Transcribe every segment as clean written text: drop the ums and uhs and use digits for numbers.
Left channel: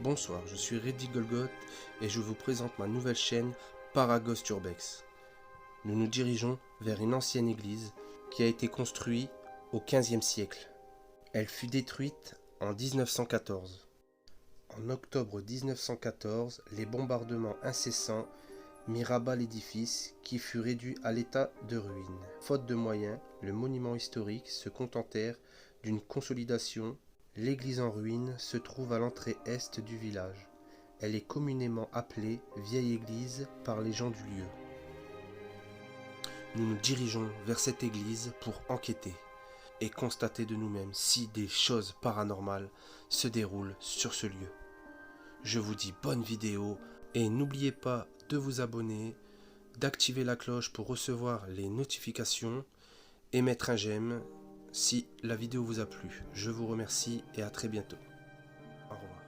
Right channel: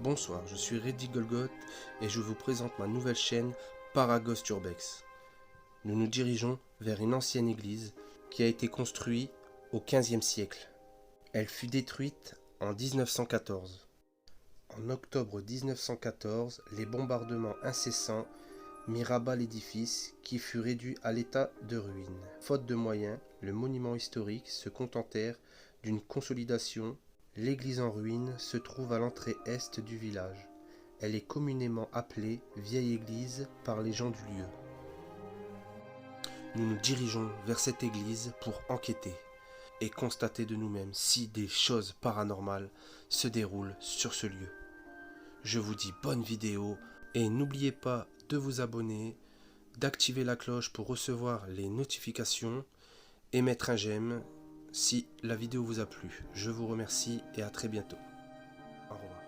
Bonsoir, je suis Reddy Golgoth et je vous présente ma nouvelle chaîne Paraghost Urbex. Nous nous dirigeons vers une ancienne église qui a été construite au XVe siècle. Elle fut détruite en 1914. En octobre 1914, les bombardements incessants mirent à bas l'édifice qui fut réduit à l'état de ruine. Faute de moyens, le monument historique se contentèrent d'une consolidation. L'église en ruine se trouve à l'entrée est du village. Elle est communément appelée Vieille Église par les gens du lieu. Nous nous dirigeons vers cette église pour enquêter et constater de nous-mêmes si des choses paranormales se déroulent sur ce lieu. Je vous dis bonne vidéo et n'oubliez pas de vous abonner, d'activer la cloche pour recevoir les notifications et mettre un j'aime si la vidéo vous a plu. Je vous remercie et à très bientôt. Au revoir.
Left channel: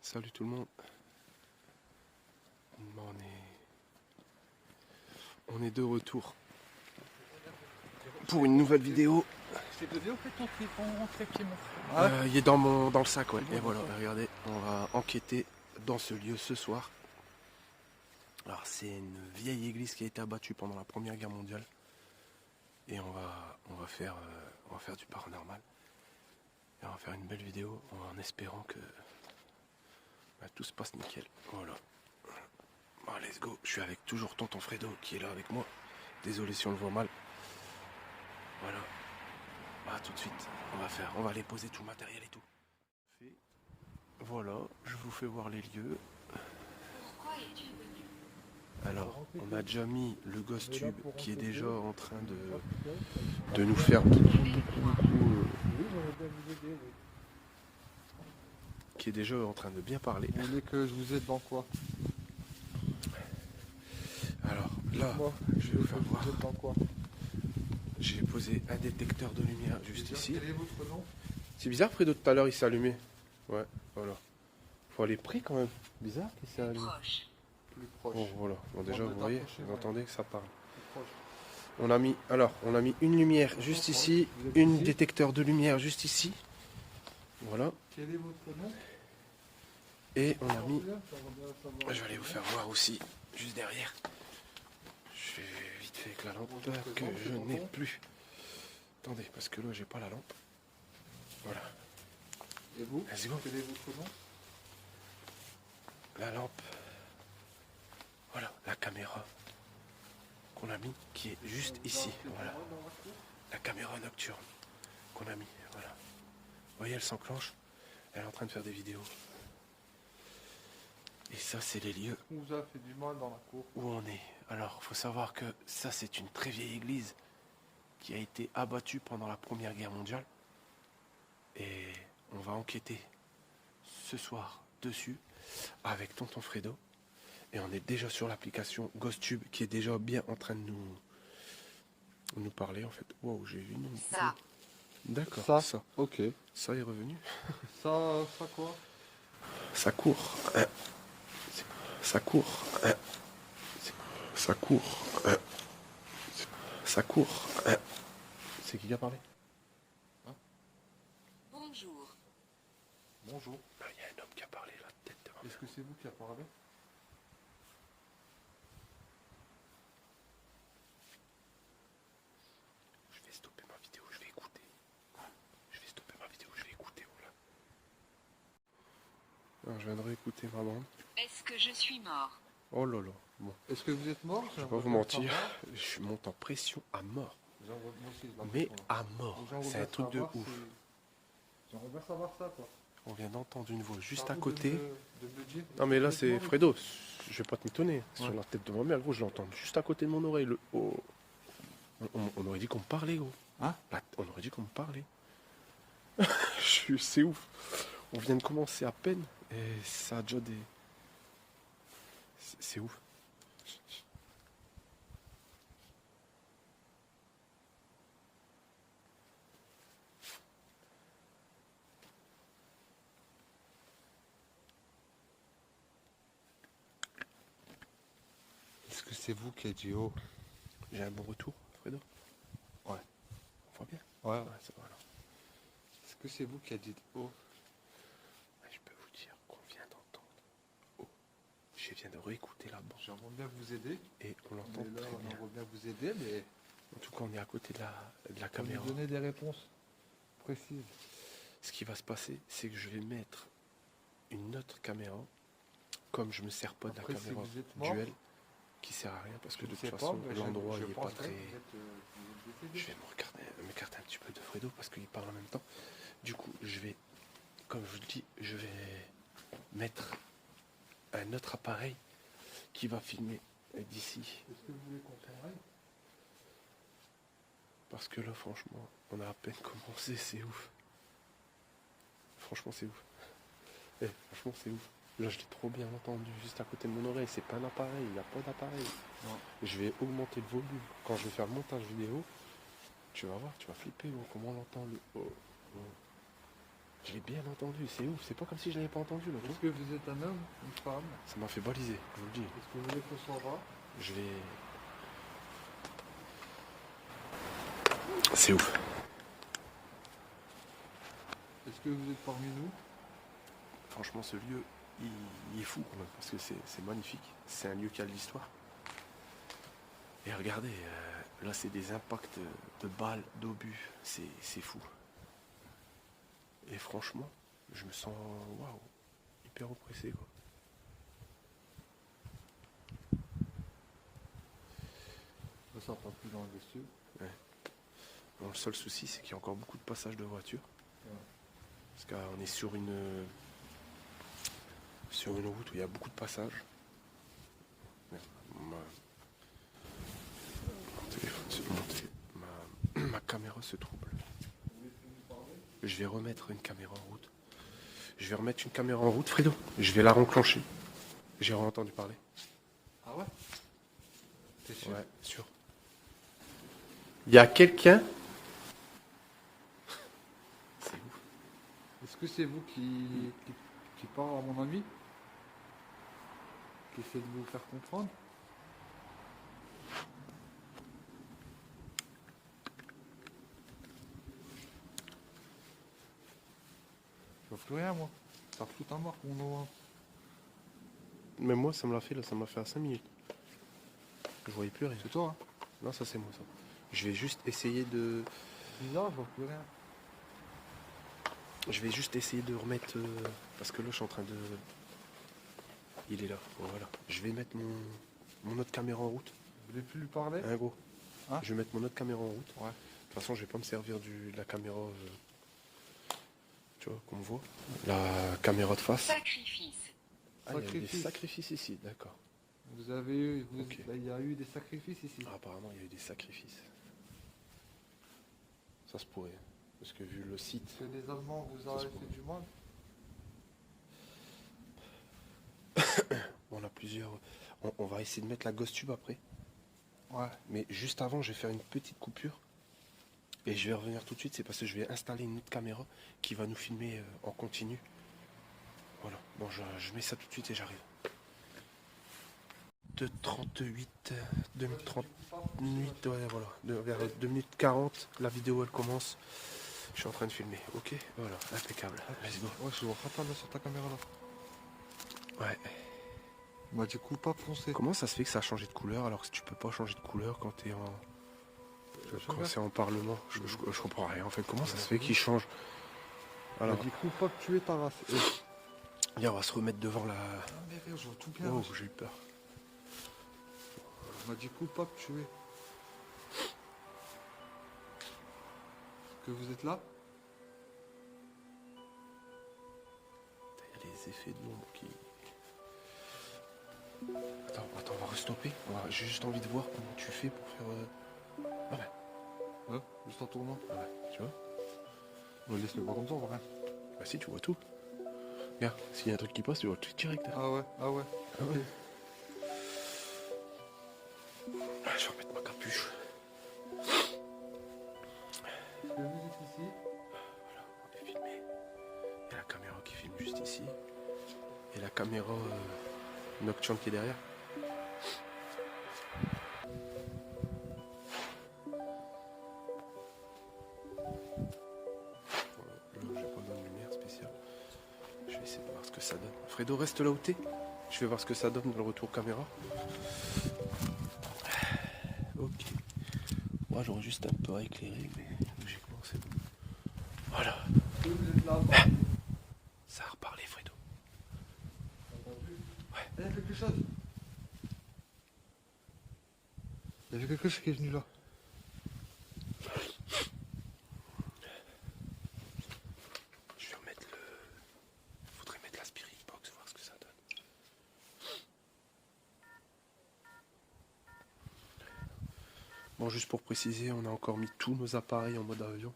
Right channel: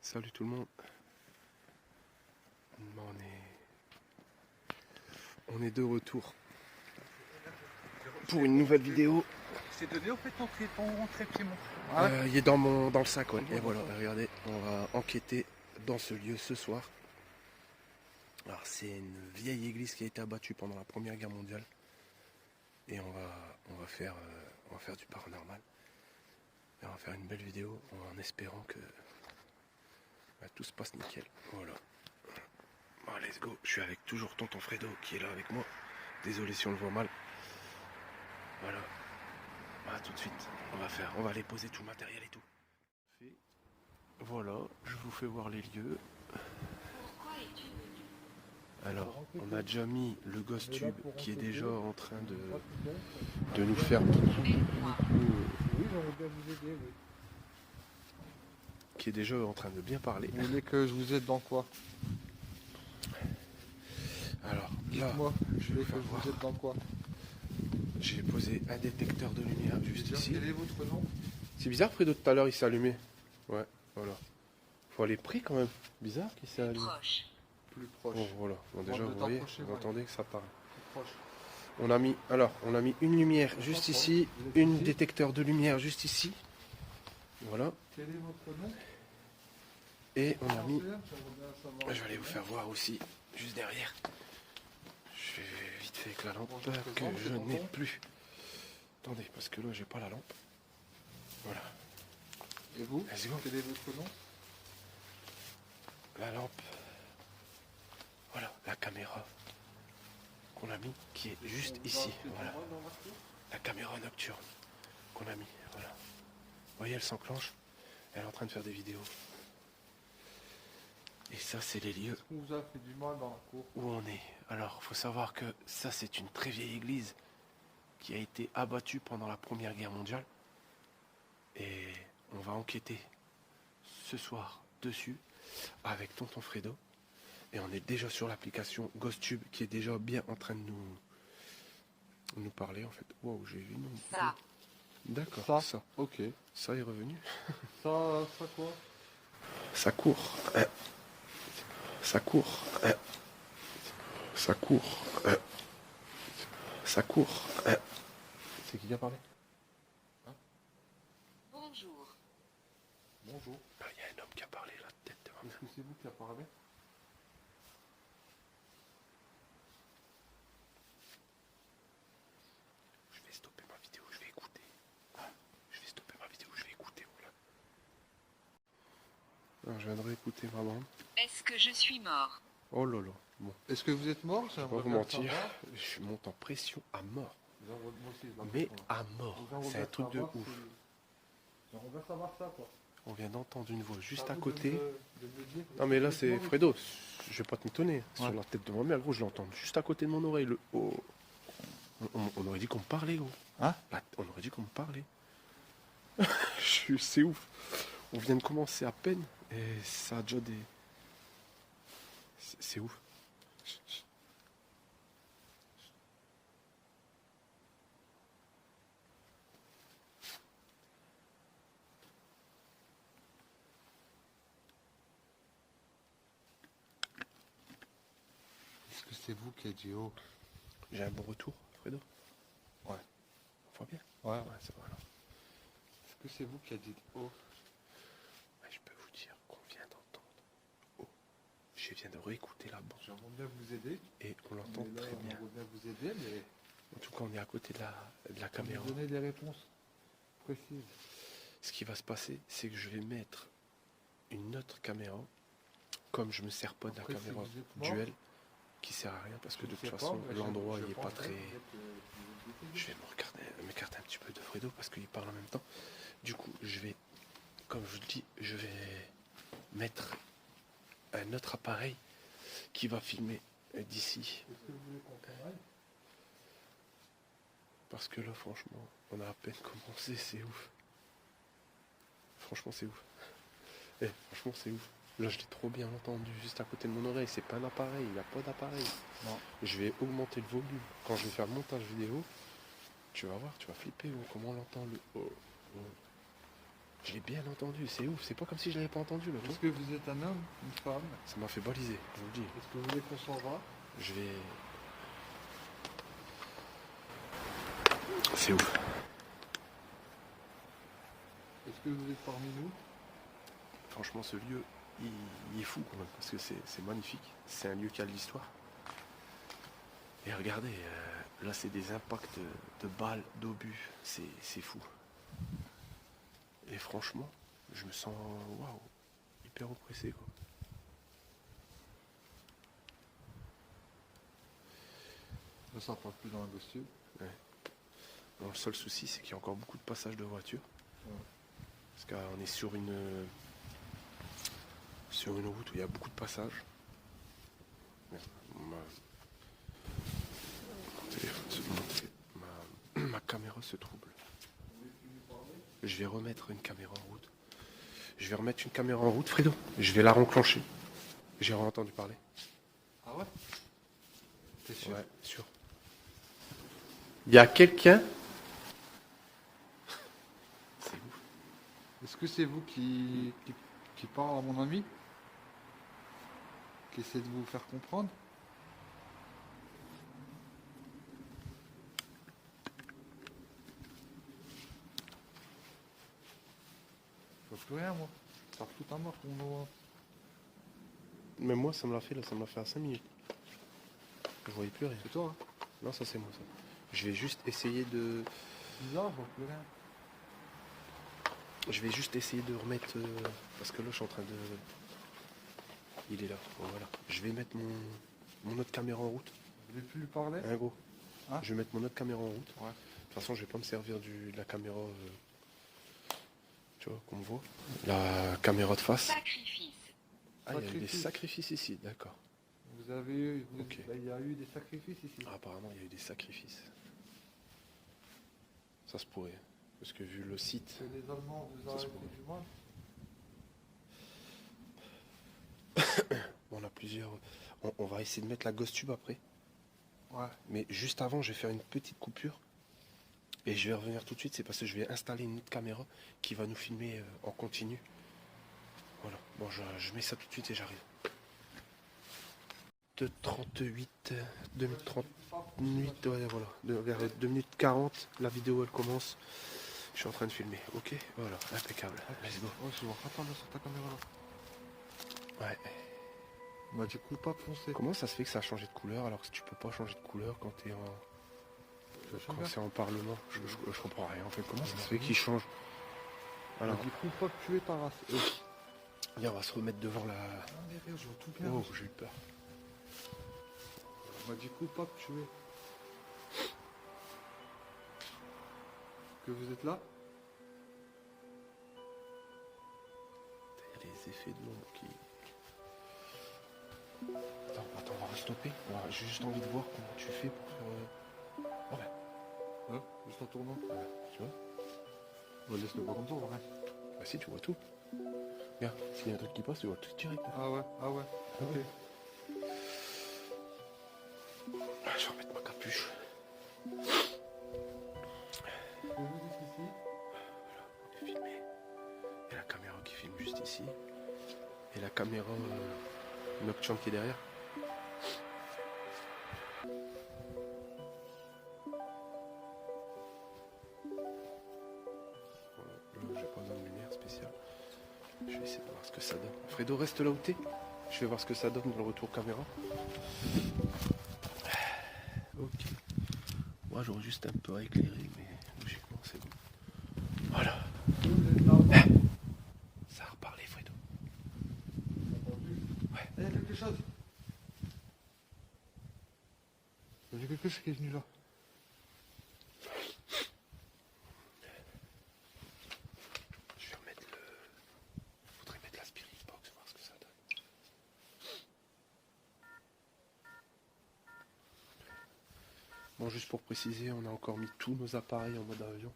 Salut tout le monde. On est de retour pour une nouvelle vidéo. C'est donné en fait ton traitement. Il est dans le sac, ouais. Et voilà, regardez, on va enquêter dans ce lieu ce soir. Alors c'est une vieille église qui a été abattue pendant la Première Guerre mondiale. Et on va faire du paranormal. Et on va faire une belle vidéo en espérant que tout se passe nickel. Voilà. Bon, let's go. Je suis avec toujours tonton Fredo qui est là avec moi. Désolé si on le voit mal. Voilà. Tout de suite. On va aller poser tout le matériel et tout. Voilà. Je vous fais voir les lieux. Alors, on a déjà mis le Ghost Tube qui est déjà en train de nous faire qui est déjà en train de bien parler. Vous voulez que je vous aide dans quoi? Alors là, je vais vous faire voir. Dans quoi? J'ai posé un détecteur de lumière juste ici. C'est bizarre, Fredo, tout à l'heure il s'est allumé. Ouais, voilà. Faut aller près quand même. Bizarre qu'il s'est allumé. Plus proche. Bon, voilà. Bon, déjà, vous voyez, vous entendez que ça parle. Proche. On a mis une lumière juste ici, une détecteur de lumière juste ici. Voilà. Quel est votre nom? Et on a mis. Je vais aller vous faire voir aussi, juste derrière. Je vais vite fait avec la lampe que je n'ai plus. Attendez, parce que là, j'ai pas la lampe. Voilà. Et vous? Let's go. Quel est votre nom? La lampe. Voilà, la caméra qu'on a mis qui est juste ici. Voilà. La caméra nocturne qu'on a mis. Voilà. Vous voyez, elle s'enclenche. Elle est en train de faire des vidéos. Et ça, c'est les lieux On vous a fait du mal dans la cour. où on est. Alors, il faut savoir que ça, c'est une très vieille église qui a été abattue pendant la Première Guerre mondiale. Et on va enquêter ce soir dessus avec tonton Fredo. Et on est déjà sur l'application GhostTube qui est déjà bien en train de nous parler en fait. Wow, j'ai vu mon... Ça. D'accord, ça. Ok. Ça est revenu. Ça quoi? Ça court. Ça court. Ça court. Ça court. C'est qui a parlé? Bonjour. Bonjour. Il y a un homme qui a parlé là, tête de ma Est-ce que c'est vous qui a parlé? Je vais stopper ma vidéo, je vais écouter. Je vais stopper ma vidéo, je vais écouter. Voilà. Alors, je viendrai écouter ma bande. Est-ce que je suis mort? Oh là là. Bon, Est-ce que vous êtes mort? je vais pas vous mentir. Je monte en pression à mort. Moi aussi, je la Mais comprends. à mort. J'aimerais C'est un bien truc de savoir ouf. J'aimerais bien savoir ça, quoi. On vient d'entendre une voix juste C'est à vous côté. de me dire. Non mais là Est-ce que c'est vous êtes Fredo. Je vais pas te m'étonner. Ouais. Sur la tête de ma mère, gros, je l'entends juste à côté de mon oreille. Le oh. On aurait dit qu'on me parlait, gros. Hein? Bah, on aurait dit qu'on me parlait. C'est ouf. On vient de commencer à peine et ça a déjà des. C'est ouf. Est-ce que c'est vous qui êtes dit oh? J'ai un bon retour, Fredo. Ouais. On voit bien. Ouais. Ouais, ça va alors. Est-ce que c'est vous qui êtes dit oh? Ouais, je peux vous dire qu'on vient d'entendre. Oh. Je viens de réécouter la bande J'aimerais bien vous aider. et on l'entend Mais là, très on bien. aimerait bien vous aider, mais En tout cas, on est à côté de la vous caméra. nous donner des réponses précises. Ce qui va se passer, c'est que je vais mettre une autre caméra, comme je me sers pas de la Après, si caméra vous êtes mort, duel, qui sert à rien parce que je de sais toute pas, façon, mais l'endroit je il est pas pense très. que vous êtes Je vais m'écarter un petit peu de Fredo parce qu'il parle en même temps. Du coup, je vais, comme je le dis, je vais mettre un autre appareil qui va filmer d'ici. Est-ce que vous voulez qu'on travaille? Parce que là, franchement, on a à peine commencé, c'est ouf. Franchement, c'est ouf. Franchement, c'est ouf. Là, je l'ai trop bien entendu, juste à côté de mon oreille. C'est pas un appareil, il n'y a pas d'appareil. Non. Je vais augmenter le volume. Quand je vais faire le montage vidéo, tu vas voir, tu vas flipper, oh, comment on l'entend le oh, oh. Je l'ai bien entendu, c'est ouf. C'est pas comme si je l'avais pas entendu, là, tu Est-ce vois. que vous êtes un homme, une femme? Ça m'a fait baliser, je vous le dis. Est-ce que vous voulez qu'on s'en va? Je vais... C'est ouf. Est-ce que vous êtes parmi nous? Franchement, ce lieu, il est fou quand même, parce que c'est magnifique. C'est un lieu qui a de l'histoire. Et regardez, là, c'est des impacts de balles, d'obus. C'est fou. Et franchement, je me sens, waouh, hyper oppressé, quoi. Mais ça passe plus dans le vestiaire. Bon, le seul souci, c'est qu'il y a encore beaucoup de passages de voitures. Ouais. Parce qu'on est sur une route où il y a beaucoup de passages. Merde, ma caméra se trouble. Je vais remettre une caméra en route. Je vais remettre une caméra en route, Fredo. Je vais la renclencher. J'ai entendu parler. Ah ouais? T'es sûr? Ouais, sûr. Il y a quelqu'un. C'est ouf. Est-ce que c'est vous qui parle à mon ami? Qui essaie de vous faire comprendre? Je vois plus rien, moi. Ça fout un marque, mon nom. Mais moi, ça me l'a fait, là, ça m'a fait à 5 minutes. Je voyais plus rien. C'est toi, hein? Non, ça c'est moi, ça. Je vais juste essayer de. Bizarre, je vois plus rien. Je vais juste essayer de remettre. Parce que là, je suis en train de. Il est là. Bon, voilà. Je vais mettre mon autre caméra en route. Vous voulez plus lui parler? Hein, gros. Hein? Je vais mettre mon autre caméra en route. Ouais. De toute façon, je vais pas me servir de la caméra. Tu vois, qu'on me voit. La caméra de face. Sacrifice. Ah, il y a eu des Sacrifice. sacrifices ici, d'accord. Vous avez eu, Ok. il y a eu des sacrifices ici. Ah, apparemment, il y a eu des sacrifices. Ça se pourrait. Parce que vu le site. Que les Allemands vous Ça se ont fait pourrait. du mal. On a plusieurs. On va essayer de mettre la Ghost Tube après. Ouais. Mais juste avant, je vais faire une petite coupure. Et je vais revenir tout de suite. C'est parce que je vais installer une autre caméra qui va nous filmer en continu. Voilà. Bon, je mets ça tout de suite et j'arrive. 2h38, 2h38, ouais, voilà. Vers 2 minutes 40, la vidéo elle commence. Je suis en train de filmer. Ok, voilà, impeccable. Let's go. Ouais, je vois pas là sur ta caméra là. Ouais. Bah du coup, pas foncé. Comment ça se fait que ça a changé de couleur alors que tu peux pas changer de couleur quand t'es en. Quand c'est en parlement, je comprends rien. En fait, comment ça se fait qu'il change? Alors, Du coup, pas tuer ta race. viens, on va se remettre devant la. Non, mais je vois tout bien. Oh, j'ai eu peur. Bah du coup, pas tuer. que vous êtes là? Il y a les effets de l'ombre qui... Attends, on va restopper. Voilà, j'ai juste envie de voir comment tu fais pour faire... Ah ouais, Ouais, juste en tournant. ah ouais, tu vois? Mais laisse-le pas comme ça, on voit rien. Bah si, tu vois tout. Regarde, s'il y a un truc qui passe, tu vois le truc direct. Hein. Ah ouais, Ah ok. ouais. Ah, je vais remettre ma capuche. Vous êtes ici? Voilà, on est filmé. Il y a la caméra qui filme juste ici. Et la caméra nocturne qui est derrière. Voilà, là, j'ai pas besoin de lumière spéciale. Je vais essayer de voir ce que ça donne. Fredo, reste là où t'es. Je vais voir ce que ça donne dans le retour caméra. Ok. Moi, j'aurais juste un peu à éclairer, mais logiquement, c'est bon. Voilà. Ça a reparlé, Fredo. Il y a quelque chose. Il y avait quelque chose qui est venu là. Je vais remettre le... Faudrait mettre la Spirit Box, voir ce que ça donne. Bon, juste pour préciser, on a encore mis tous nos appareils en mode avion.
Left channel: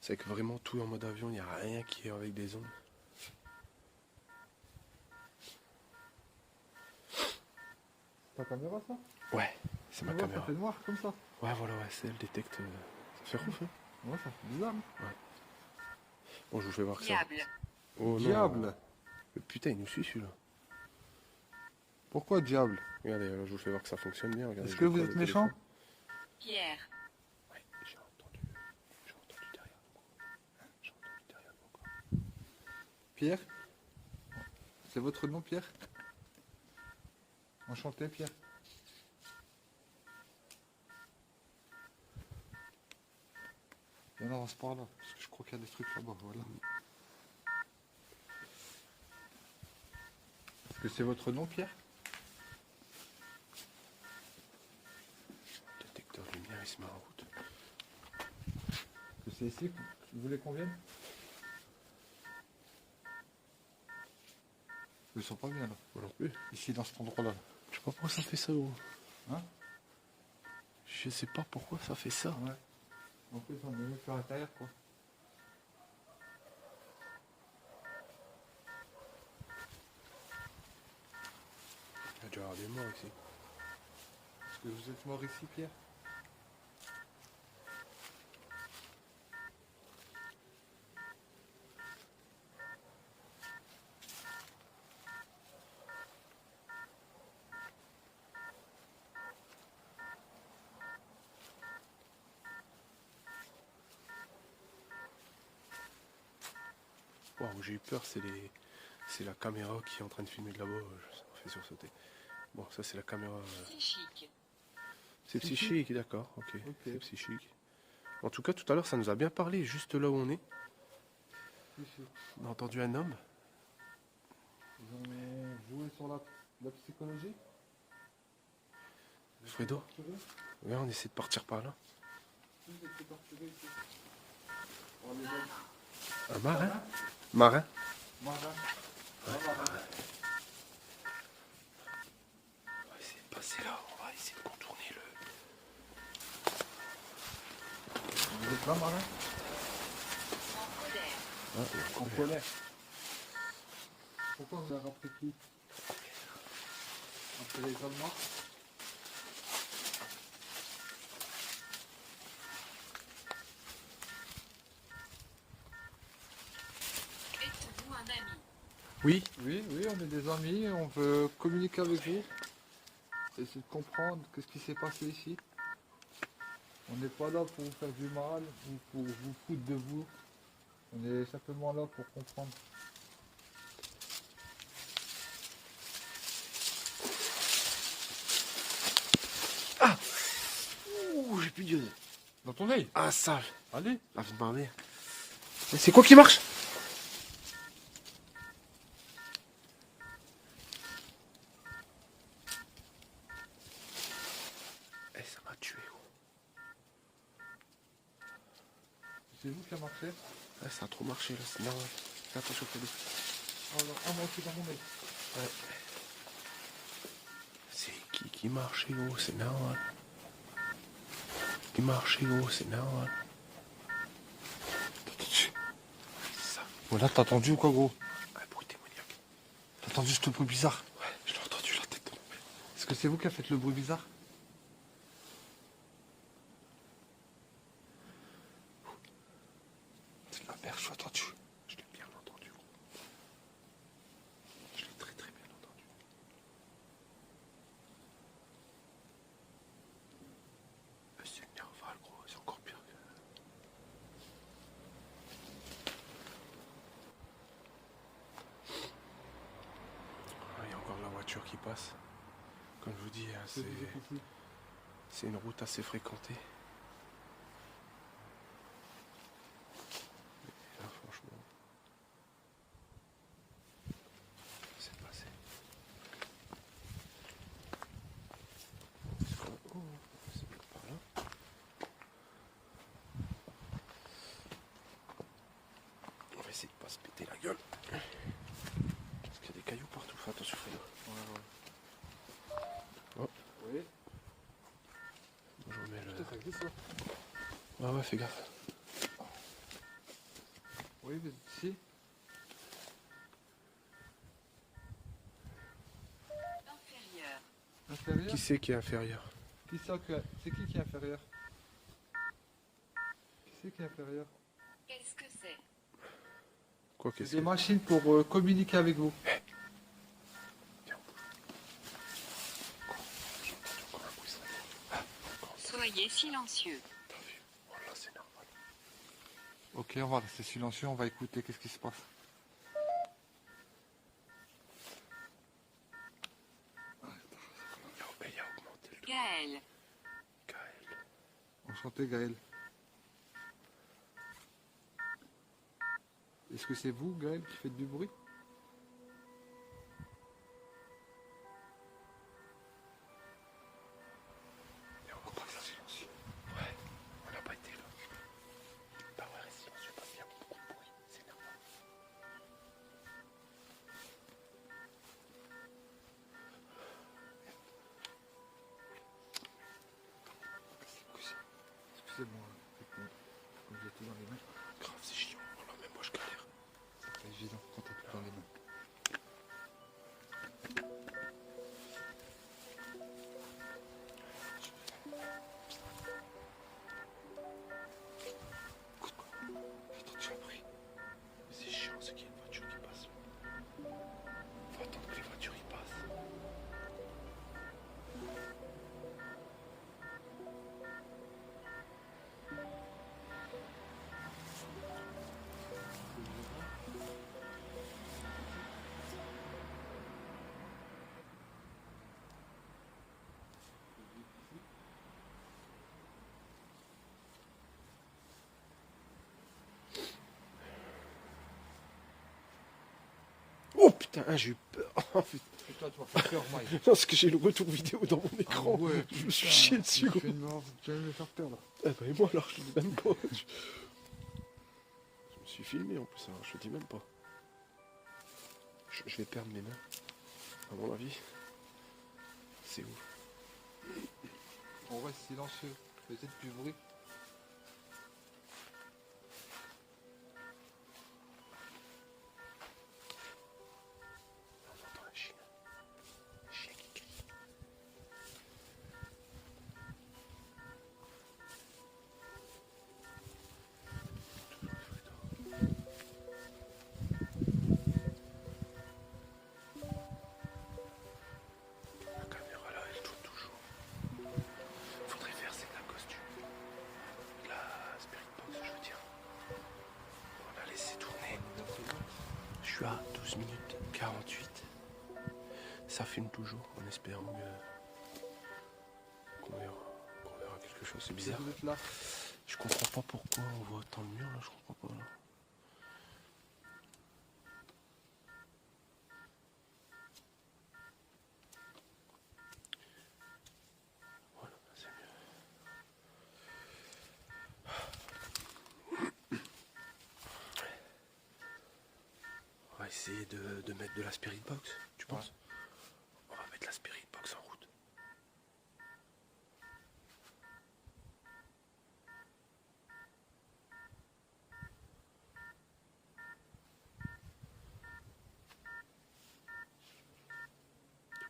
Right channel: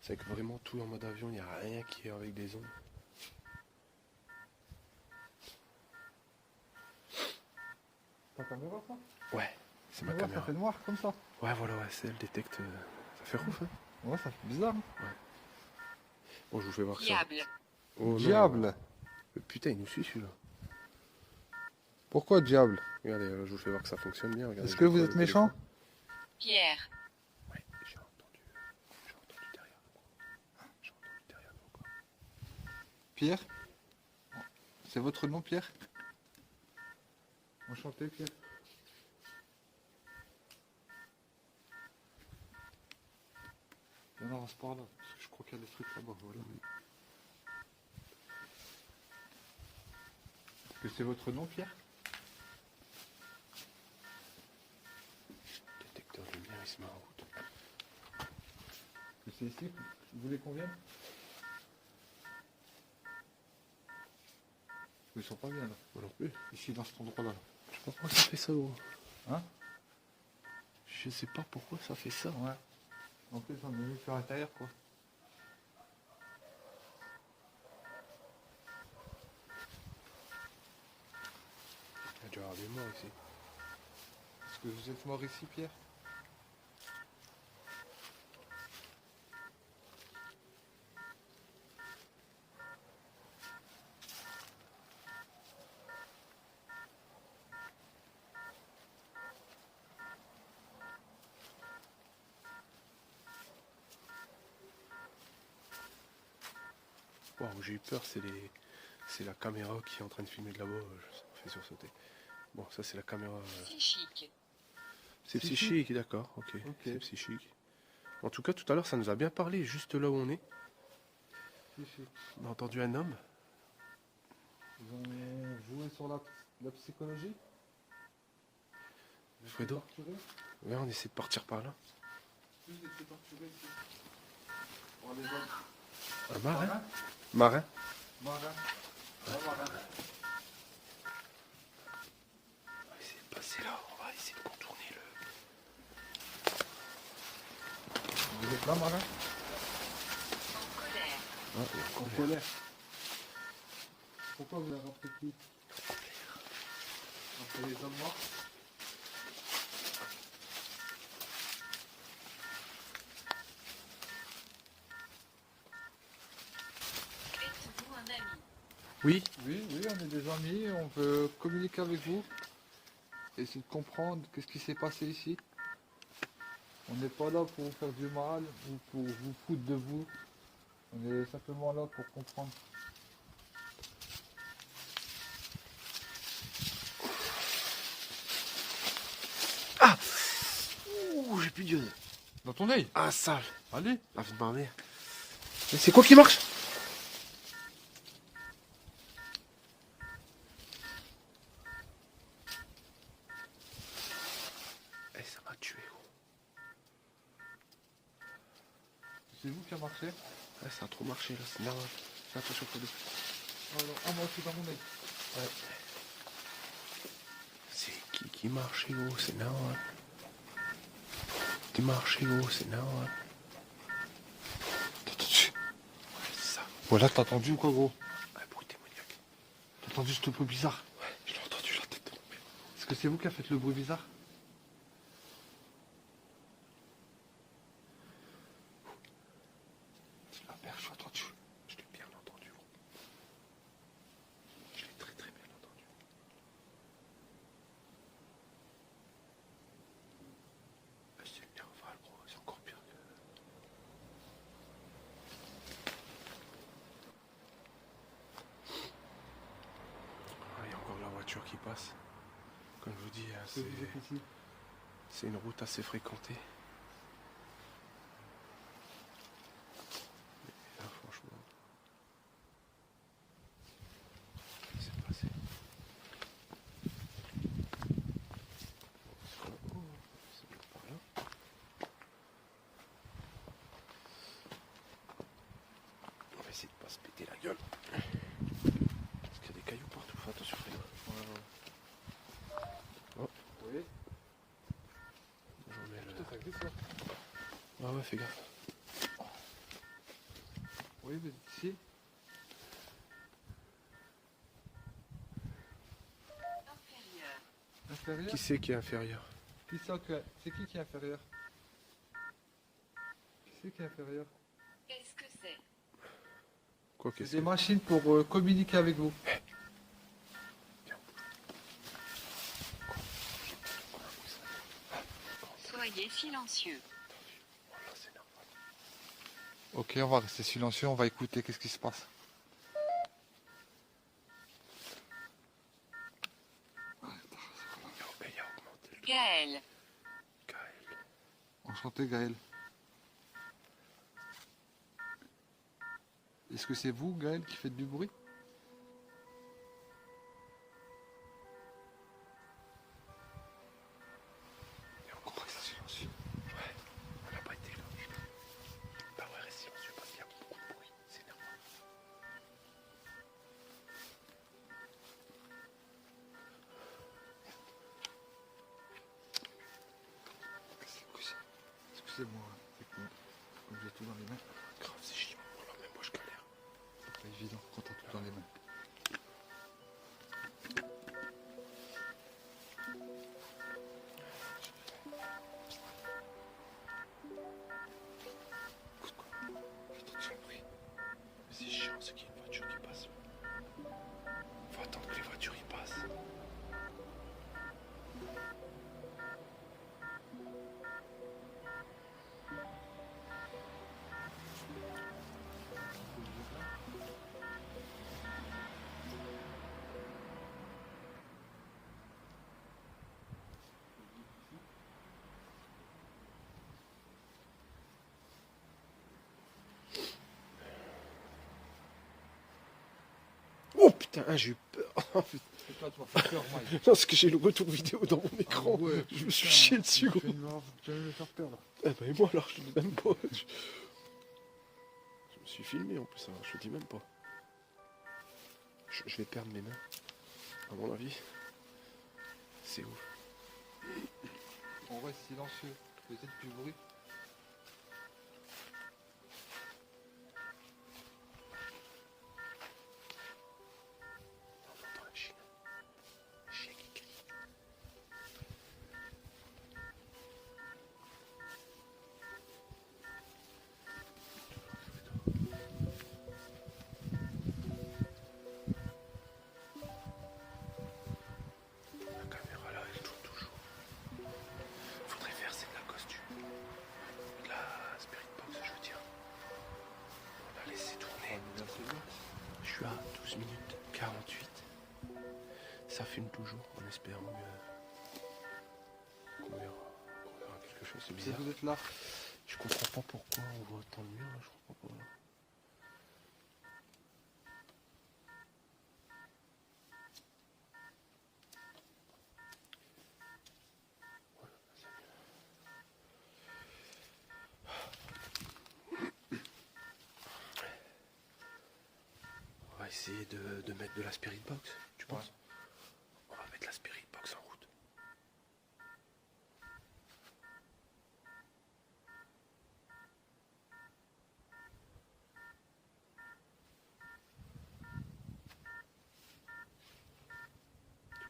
C'est que vraiment tout en mode avion, il n'y a rien qui est avec des ondes. Ta caméra ça? Ouais, c'est ma Ouais, caméra. ça fait noir comme ça. Ouais, voilà, ouais, c'est elle détecte... Ça fait ouf, hein. Ouais, ça fait bizarre. Hein. Bon, je vous fais voir ça. Diable. Oh non. Diable. Putain, il nous suit celui-là. Pourquoi diable? Regardez, là, je vous fais voir que ça fonctionne bien. Regardez, Est-ce je que le vous colle êtes au méchant? téléphone. Pierre. Ouais, j'ai entendu derrière nous. J'ai entendu derrière nous encore. Pierre? C'est votre nom, Pierre? Enchanté, Pierre. Viens là, on se parle là, parce que je crois qu'il y a des trucs là-bas, voilà. Est-ce que c'est votre nom, Pierre? Le détecteur de lumière, il se met en route. Est-ce que c'est ici que vous voulez qu'on vienne? Je ne sens pas bien là. Moi non plus. Ici, dans cet endroit-là. Je sais pas pourquoi ça fait ça, gros. Hein? Je sais pas pourquoi ça fait ça. Ouais. En plus, on est venu sur l'intérieur, quoi. Il y a dû y avoir des morts ici. Est-ce que vous êtes mort ici, Pierre? Waouh, j'ai eu peur, c'est la caméra qui est en train de filmer de là-bas. Ça m'a fait sursauter. Bon, ça c'est la caméra. Psychique. C'est psychique, d'accord, ok. Ok. C'est psychique. En tout cas, tout à l'heure, ça nous a bien parlé, juste là où on est. Ici. On a entendu un homme. Vous avez joué sur la psychologie? Fredo, Torturé? ouais, on essaie de partir par là. Vous étiez torturé ici. On les voit. Un marin. Marin. Marin. Un marin. On va essayer de passer là, on va essayer de contourner le... Vous êtes là, marin? En colère. Ah, il y a encore En colère. Pourquoi vous avez rappelé qui? Après les Allemands? Êtes-vous un ami? Oui. Oui, on est des amis, on veut communiquer avec vous. Essayer de comprendre qu'est-ce qui s'est passé ici. On n'est pas là pour vous faire du mal ou pour vous foutre de vous. On est simplement là pour comprendre. Ah. Ouh, j'ai plus d'yeux. Dans ton œil? Ah, sale. Allez. Ah, de ma mère. Mais c'est quoi qui marche? Eh, ça m'a tué, gros. C'est vous? marché. Ouais, ça a trop marché là, c'est normal. Fais attention, Fredo. Alors, on va aussi dans mon œil. Ouais. C'est qui marche, gros, c'est normal. Qui marche, gros, c'est normal. T'as entendu? C'est ça. Voilà, t'as entendu ou quoi, gros? Un bruit démoniaque. T'as entendu ce bruit bizarre? Ouais, je l'ai entendu la tête de mon père. Est-ce que c'est vous qui avez fait le bruit bizarre? C'est la merde, je l'ai entendu. Je l'ai bien entendu, gros. Je l'ai très très bien entendu. C'est nerval, gros, c'est encore pire que... Ah, il y a encore la voiture qui passe. Comme je vous dis, hein, C'est ici. c'est une route assez fréquentée. Et là, franchement, c'est passé. Oh, c'est par là. On va essayer de pas se péter la gueule. Parce qu'il y a des cailloux partout. Fais attention, Fredo. Oui. Je remets le... Ça glisse là. Ah ouais, fais gaffe. Oui, vous êtes ici. Inférieur. Inférieur. Qui c'est qui est inférieur? C'est qui est inférieur? Qui c'est qui est inférieur? Qu'est-ce que c'est? Quoi que C'est des machines pour communiquer avec vous. Soyez silencieux. Ok, on va rester silencieux, on va écouter qu'est-ce qui se passe. Il a augmenté le Gaël. Gaël. Enchanté Gaël. Est-ce que c'est vous, Gaël, qui faites du bruit? Et on comprend ça silencieux. Ouais, on n'a pas été là. Bah ouais, reste silencieux parce qu'il y a beaucoup de bruit. C'est énervant. Excusez-moi, c'est que j'ai tout dans les mains. Grave, c'est chiant. Alors même moi je galère. C'est pas évident quand t'as tout dans les mains. C'est chiant, c'est qu'il y a une voiture qui passe. Faut attendre que les voitures y passent. Oh putain, j'ai eu peur. Oh, putain. C'est toi, tu vas faire peur, Mike. Non, parce que j'ai le retour vidéo dans mon écran. Ah ouais, Je me suis putain, chié dessus, gros. Tu vas me faire peur là. Eh ben, et moi alors, je te dis même pas. Je me suis filmé en plus, alors je te dis même pas. Je vais perdre mes mains. À mon avis. C'est ouf. On reste silencieux. Peut-être plus bruit. On entend un chien. Un chien qui crie. La caméra là, elle tourne toujours. Faudrait faire c'est de la costume. De la spirit box, je veux dire. On a laissé tourner. Je suis à 12 minutes 48. Ça filme toujours en espérant qu'on verra quelque chose de Si bizarre. vous êtes là. Je comprends pas pourquoi on voit autant de murs là, je comprends pas. Là. Voilà, c'est mieux. essayer de mettre de la spirit box, tu penses? On va mettre la spirit box en route.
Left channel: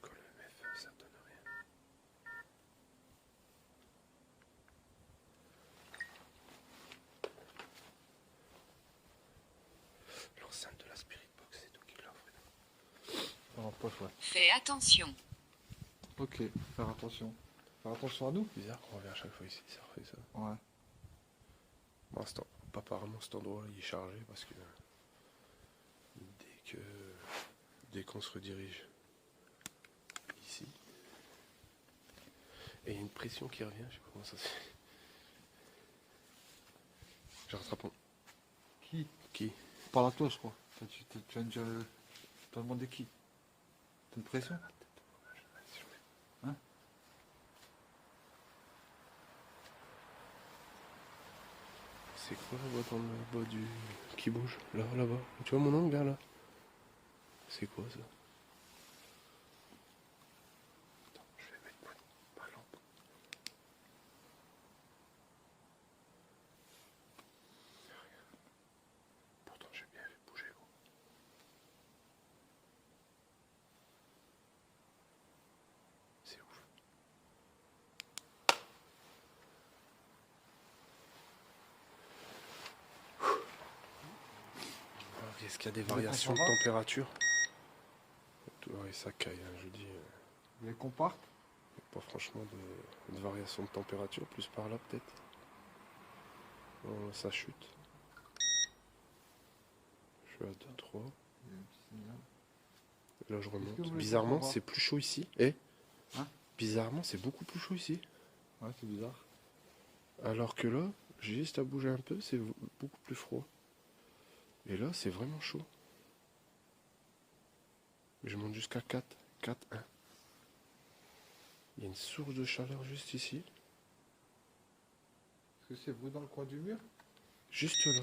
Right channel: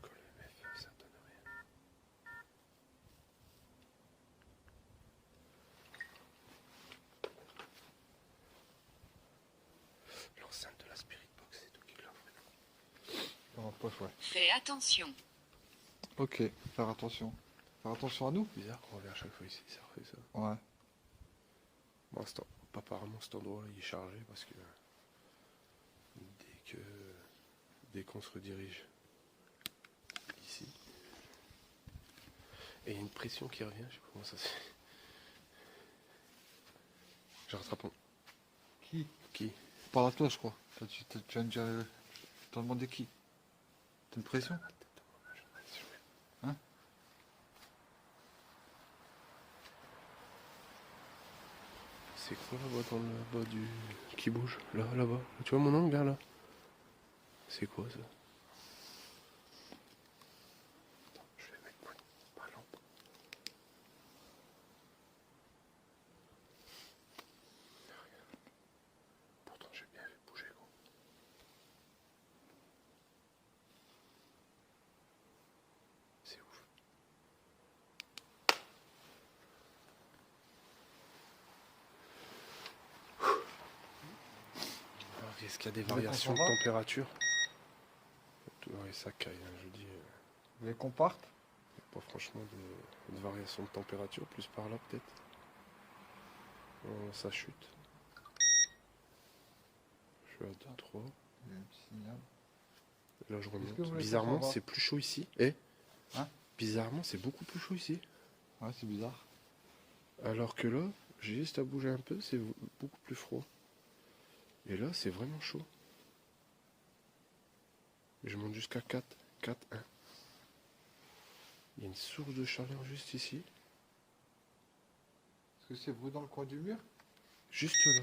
Quand le MF, ça donne rien. L'enceinte de la spirit box, c'est tout qui l'offre. Dans la poche, ouais. Fais attention. Ok, faire attention. Faire attention à nous. Bizarre qu'on revient à chaque fois ici, ça refait ça. Ouais. Bon, apparemment cet endroit il est chargé parce que dès qu'on se redirige ici, et il y a une pression qui revient, je sais pas comment ça se fait. Je rattrape. Qui? Par la toi, je crois. Tu viens de dire. T'as demandé qui? T'as une pression? Hein? C'est quoi là-bas dans le bas du. Qui bouge? Là-bas. Tu vois mon angle là? C'est quoi ça? Attends, je vais mettre ma lampe. Regarde. Pourtant j'ai bien fait bouger gros. C'est ouf. Alors, est-ce qu'il y a des variations de température? Ouais, ça caille, hein, je vous dis. Vous voulez qu'on parte? Pas franchement de variation de température, plus par là peut-être. Oh, ça chute. Je suis à 2, 3. Il y a un petit signal. Là je remonte. que vous voulez Bizarrement qu'on s'en va c'est plus chaud ici. Eh Hein? Bizarrement c'est beaucoup plus chaud ici. Ouais, c'est bizarre. Alors que là, j'ai juste à bouger un peu, c'est beaucoup plus froid. Et là c'est vraiment chaud. Je monte jusqu'à 4. 4, 1. Il y a une source de chaleur juste ici. Est-ce que c'est vous dans le coin du mur? Juste là.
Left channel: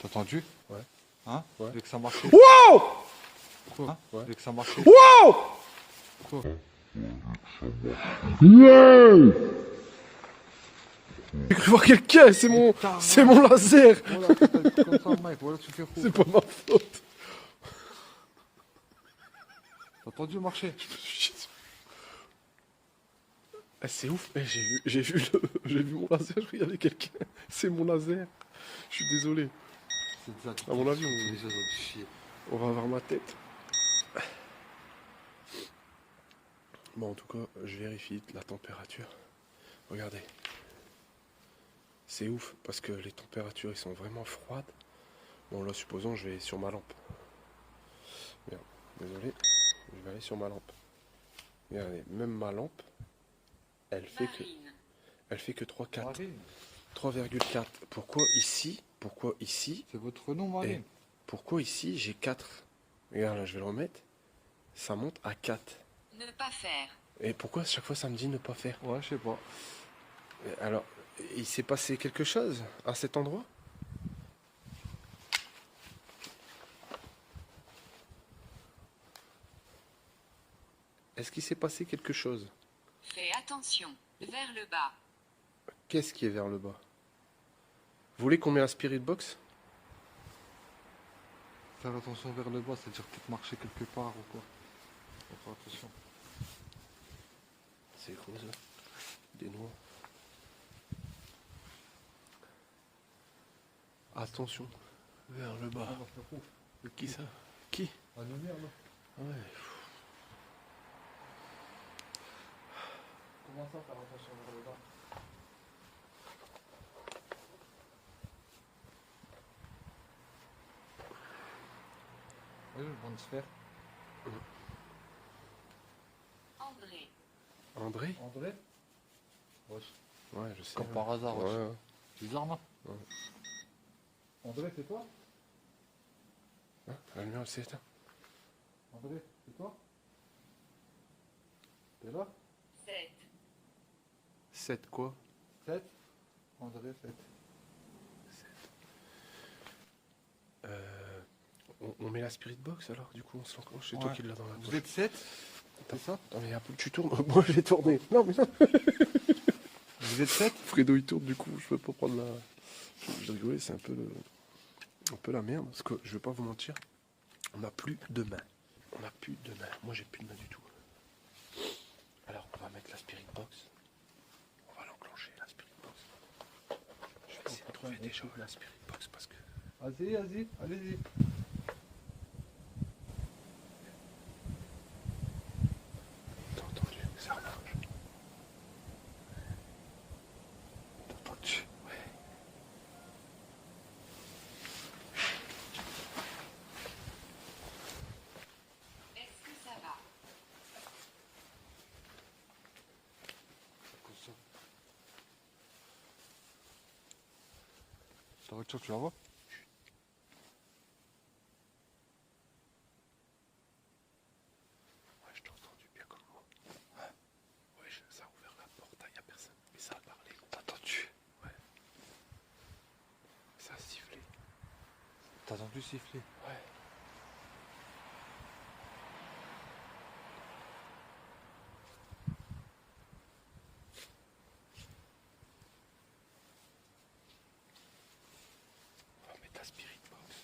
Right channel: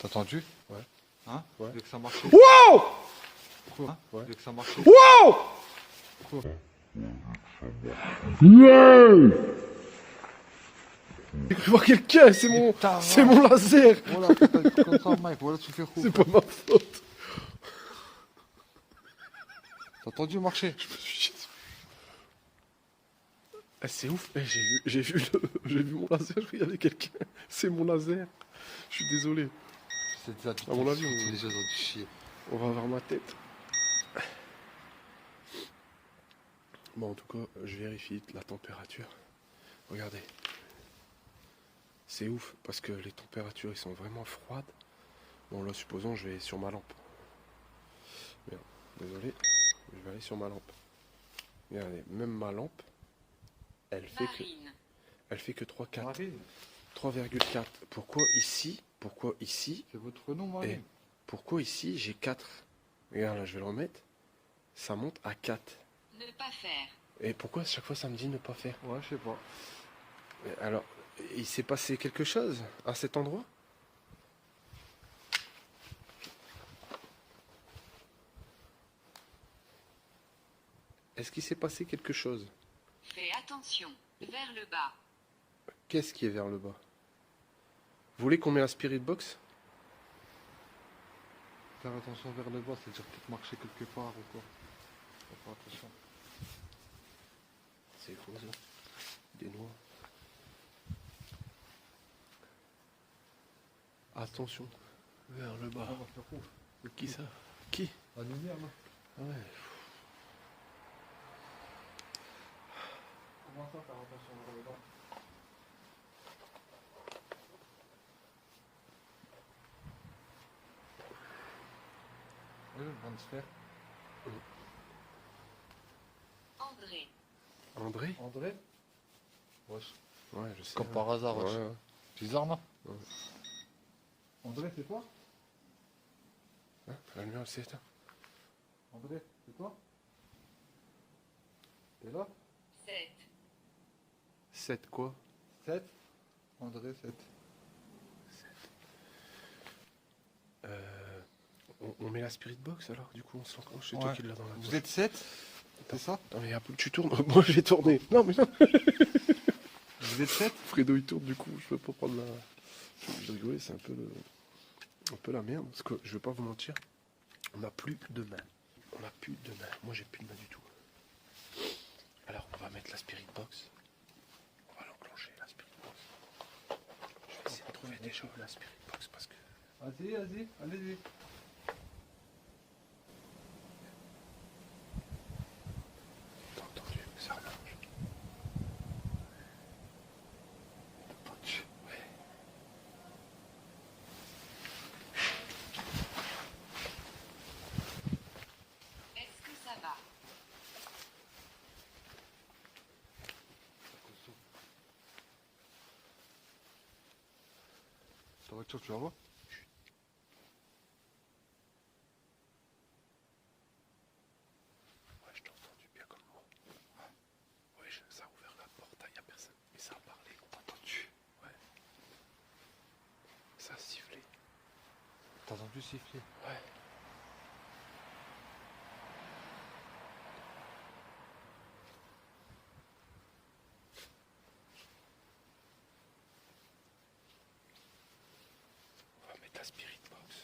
T'as entendu? Ouais. Hein? Ouais. Dès que ça marchait. Wow! Hein? Ouais. Dès que ça marchait. Wow! J'ai cru voir quelqu'un, c'est mon laser. Voilà, comme ça, mec, voilà, tu fais fou. C'est pas ma faute. T'as entendu marcher? Ah, c'est ouf, eh, j'ai vu mon laser, il y avait quelqu'un. C'est mon laser. Je suis désolé. C'est des adultes. À mon avis, C'est des gens du chier. on va voir ma tête. Bon, en tout cas, je vérifie la température. Regardez. C'est ouf, parce que les températures, ils sont vraiment froides. Bon, là, supposons, je vais sur ma lampe. Merde, désolé. Je vais aller sur ma lampe. Regardez, même ma lampe, elle fait que 3,4. Marine, 3,4. Pourquoi ici, c'est votre nom, Marine. et pourquoi ici j'ai 4? Regarde, là, je vais le remettre. Ça monte à 4. Ne pas faire. Et pourquoi à chaque fois ça me dit ne pas faire? Ouais, je sais pas. Alors, il s'est passé quelque chose à cet endroit? Est-ce qu'il s'est passé quelque chose? Fais attention. Vers le bas. Qu'est-ce qui est vers le bas? Vous voulez qu'on mette la spirit box? Faire attention vers le bas, c'est-à-dire peut-être marcher quelque part ou quoi. Faut faire attention. C'est quoi ça? Des noix. Attention, vers le bas. On va faire ouf. Qui ça? Qui? La lumière, là. Ah ouais. Comment ça, faire attention vers le bas? Oui, on va se faire. André. André? André? Wesh. Ouais, je sais. Comme par hasard, wesh. Ouais. Bizarre, non? Ouais. André, c'est toi? Ah, non, c'est ça. André, c'est toi? T'es là? 7. 7 quoi? 7. André, 7. On met la spirit box alors, du coup on se l'enclenche, c'est toi Ouais. qui l'as dans la Vous poche. êtes 7? C'est ça? Non mais tu tournes, moi je vais tourner. Non mais non. Vous êtes 7? Fredo il tourne du coup, je peux pas prendre la... Oui, c'est un peu la merde, parce que je vais pas vous mentir, on n'a plus de main. On n'a plus de main, moi j'ai plus de main du tout. Alors on va mettre la spirit box. On va l'enclencher la spirit box. Je vais essayer de trouver déjà la spirit box parce que... Vas-y, allez-y. T'as entendu, ça marche. T'as entendu? Ouais. Est-ce que ça va? Ta voiture, tu la vois? Ouais, je t'ai entendu bien comme moi. Ouais, ça a ouvert la porte, il n'y a personne. Mais ça a parlé. T'as entendu? Ouais. Ça a sifflé. T'as entendu siffler? Ouais. On va mettre la spirit box.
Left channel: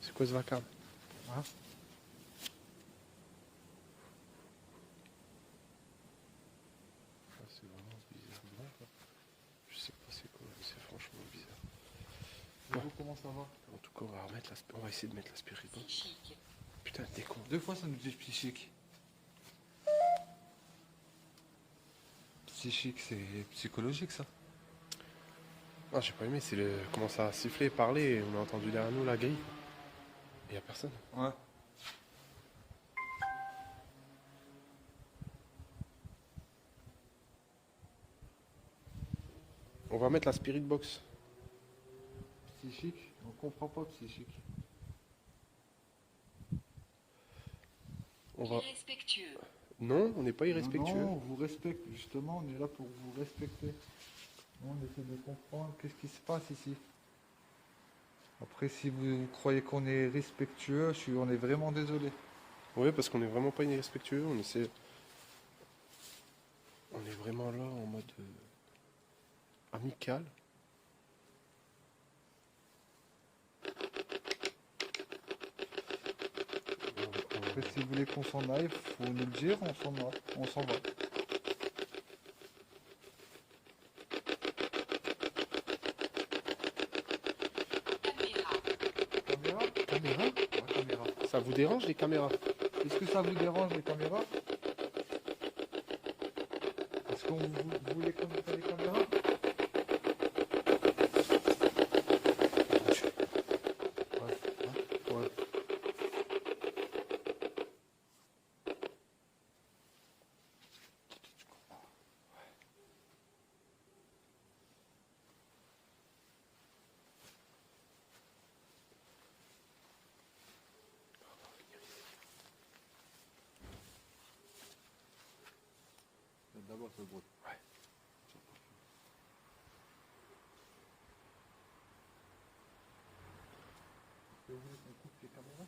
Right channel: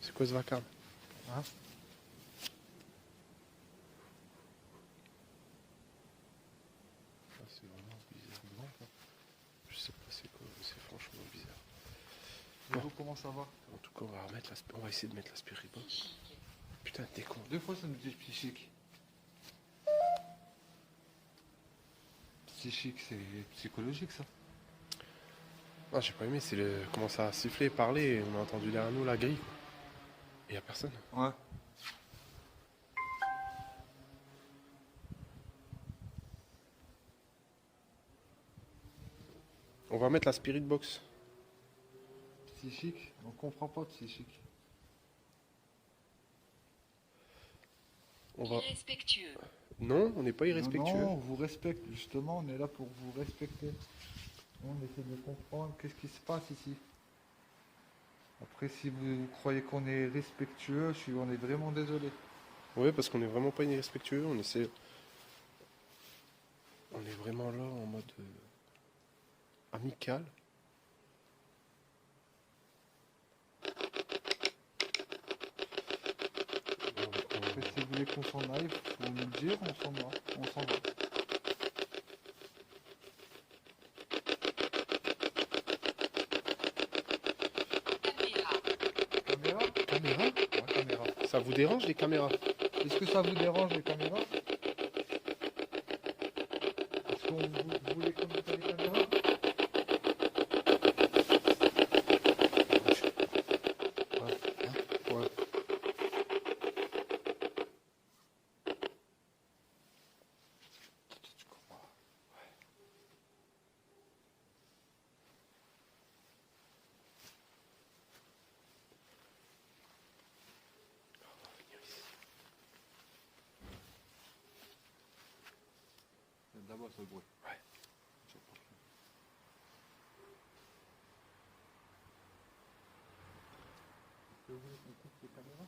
C'est quoi ce vacarme? Hein? Ah, c'est vraiment bizarre. Je sais pas c'est quoi, mais c'est franchement bizarre. Bon. Comment ça va? En tout cas, on va essayer de mettre la spirit box. Psychique. Putain, t'es con. 2 fois ça nous dit psychique. Psychique, c'est psychologique ça. Ah, j'ai pas aimé, c'est comment ça a sifflé, parlé, et on a entendu derrière nous la grille. Il y a personne. Ouais. On va mettre la spirit box. Psychique? On comprend pas de psychique. On va... Irrespectueux. Non, on n'est pas irrespectueux. Non, on vous respecte, justement, on est là pour vous respecter. On essaie de comprendre qu'est-ce qui se passe ici. Après, si vous croyez qu'on est respectueux, on est vraiment désolé. Oui, parce qu'on n'est vraiment pas irrespectueux. On essaie. On est vraiment là en mode amical. Après, si vous voulez qu'on s'en aille, faut nous le dire, on s'en va. Caméra. Caméra? Caméra? Ouais, caméra. Ça vous dérange les caméras? Est-ce que ça vous dérange les caméras? Est-ce que vous voulez qu'on mette les caméras? Ouais. D'abord, c'est le bruit. Ouais. Vous voulez qu'on coupe les caméras?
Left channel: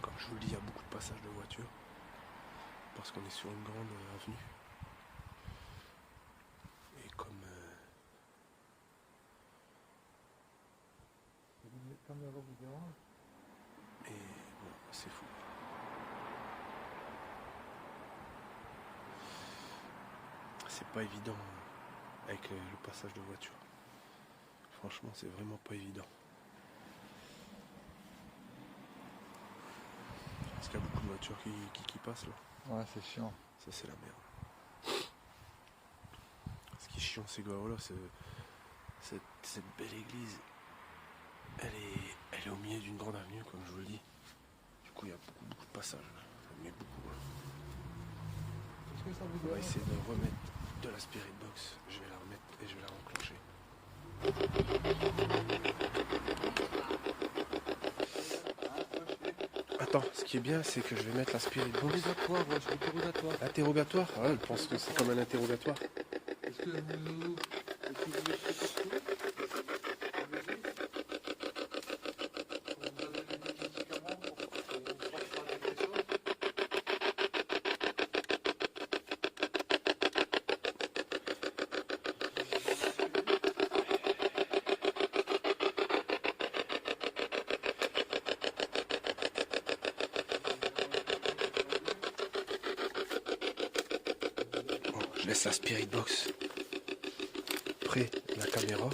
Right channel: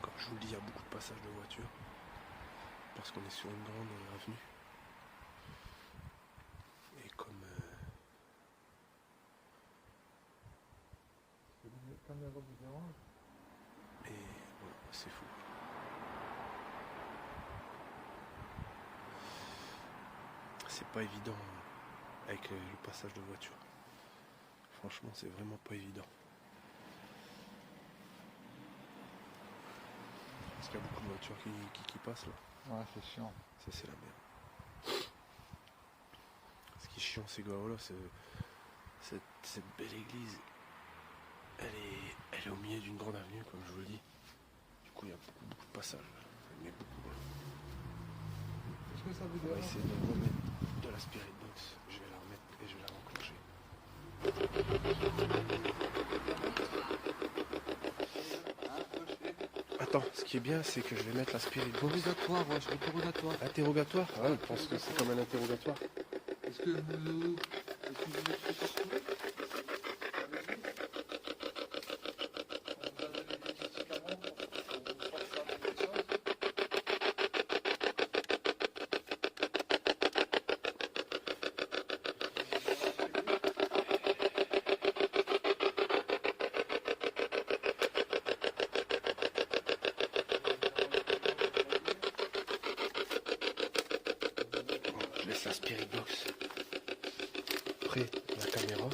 Comme je vous le dis, il y a beaucoup de passages de voitures. Parce qu'on est sur une grande avenue. Et comme... Les caméras vous dérangent? Et voilà, c'est fou. C'est pas évident avec le passage de voiture. Franchement, c'est vraiment pas évident. Parce qu'il y a beaucoup de voitures qui passent là. Ouais, c'est chiant. Ça, c'est la merde. Ce qui est chiant, c'est que voilà, cette belle église, elle est au milieu d'une grande avenue, comme je vous le dis. Du coup, il y a beaucoup de passages. Ça met beaucoup. Là. Est-ce que ça vous On va dérange? essayer de remettre de la spirit box. Je vais la remettre et je vais la enclencher. Attends, ce qui est bien, c'est que je vais mettre la spirit box. Interrogatoire, ouais, c'est interrogatoire. Interrogatoire? Ah, on pense que c'est comme un interrogatoire. Est-ce que vous... Est-ce que vous êtes satisfait? Je laisse la spirit box près de la caméra.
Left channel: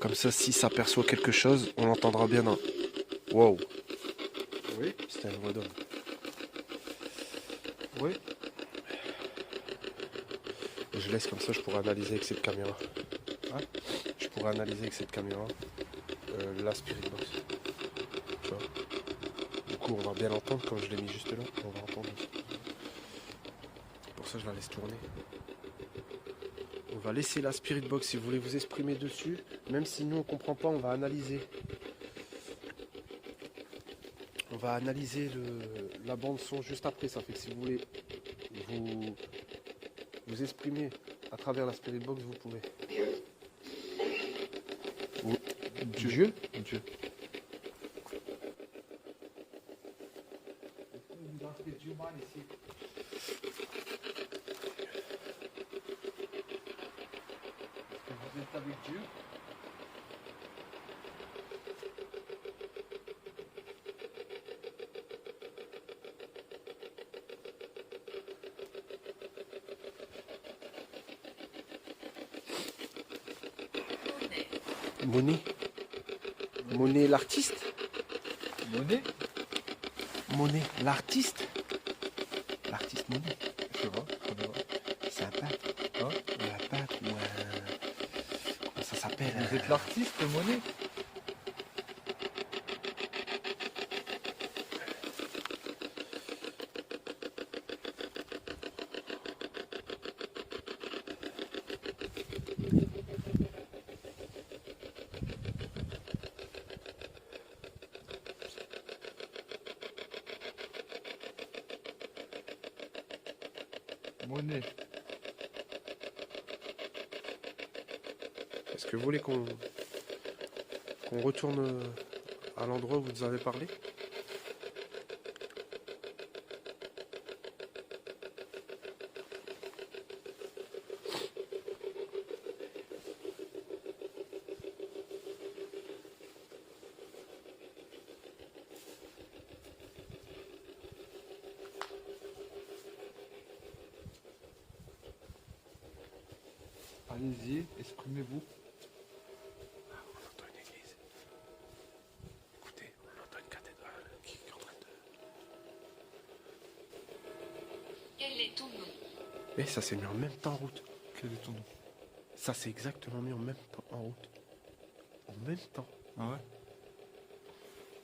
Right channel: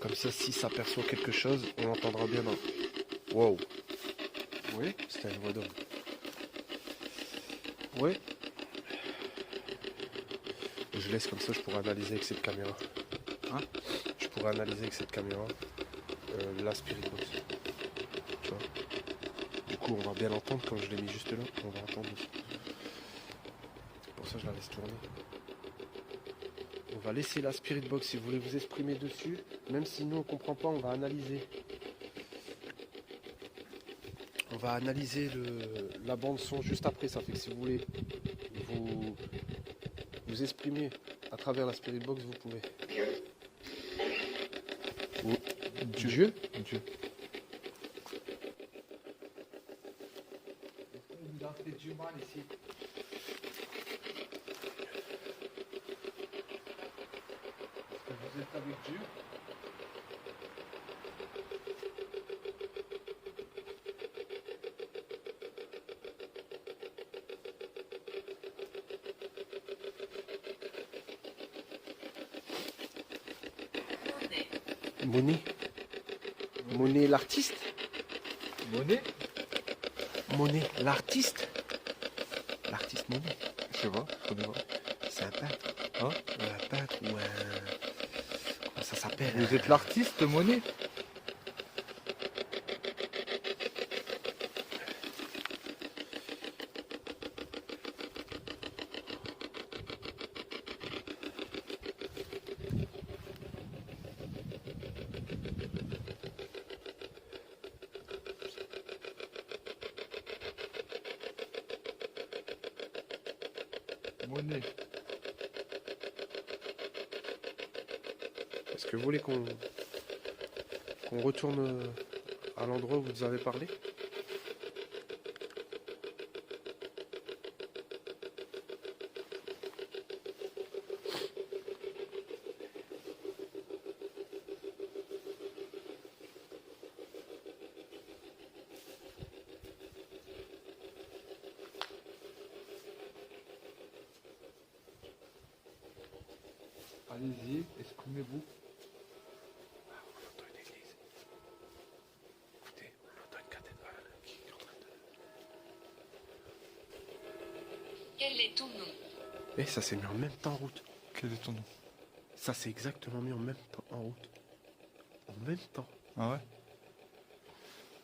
Comme ça, si ça perçoit quelque chose, on l'entendra bien dans... Wow, Oui. c'était un voix d'homme. Oui. Je laisse comme ça, je pourrais analyser avec cette caméra. Je pourrais analyser avec cette caméra la spirit box. Tu vois. Du coup, on va bien l'entendre comme je l'ai mis juste là. On va entendre. Pour ça, je la laisse tourner. On va laisser la spirit box si vous voulez vous exprimer dessus. Même si nous on comprend pas, on va analyser. On va analyser la bande son juste après. Ça fait que si vous voulez vous exprimer à travers la spirit box, vous pouvez. Dieu. Dieu. Vous avez du mal ici. Est-ce que vous êtes avec Dieu? Monet. Monet l'artiste. Monet? Monet l'artiste. L'artiste Monet. Je sais pas, je connais pas. C'est un peintre. Hein? Un peintre ou un... Comment ça s'appelle? Vous êtes l'artiste Monet? Monet. Est-ce que vous voulez qu'on retourne à l'endroit où vous nous avez parlé? Allez-y, exprimez-vous. On entend une église. Écoutez, on entend une cathédrale qui est en train de... Quel est ton nom? Eh, ça s'est mis en même temps en route. Quel est ton nom? Ça s'est exactement mis en même temps en route. En même temps. Ah ouais?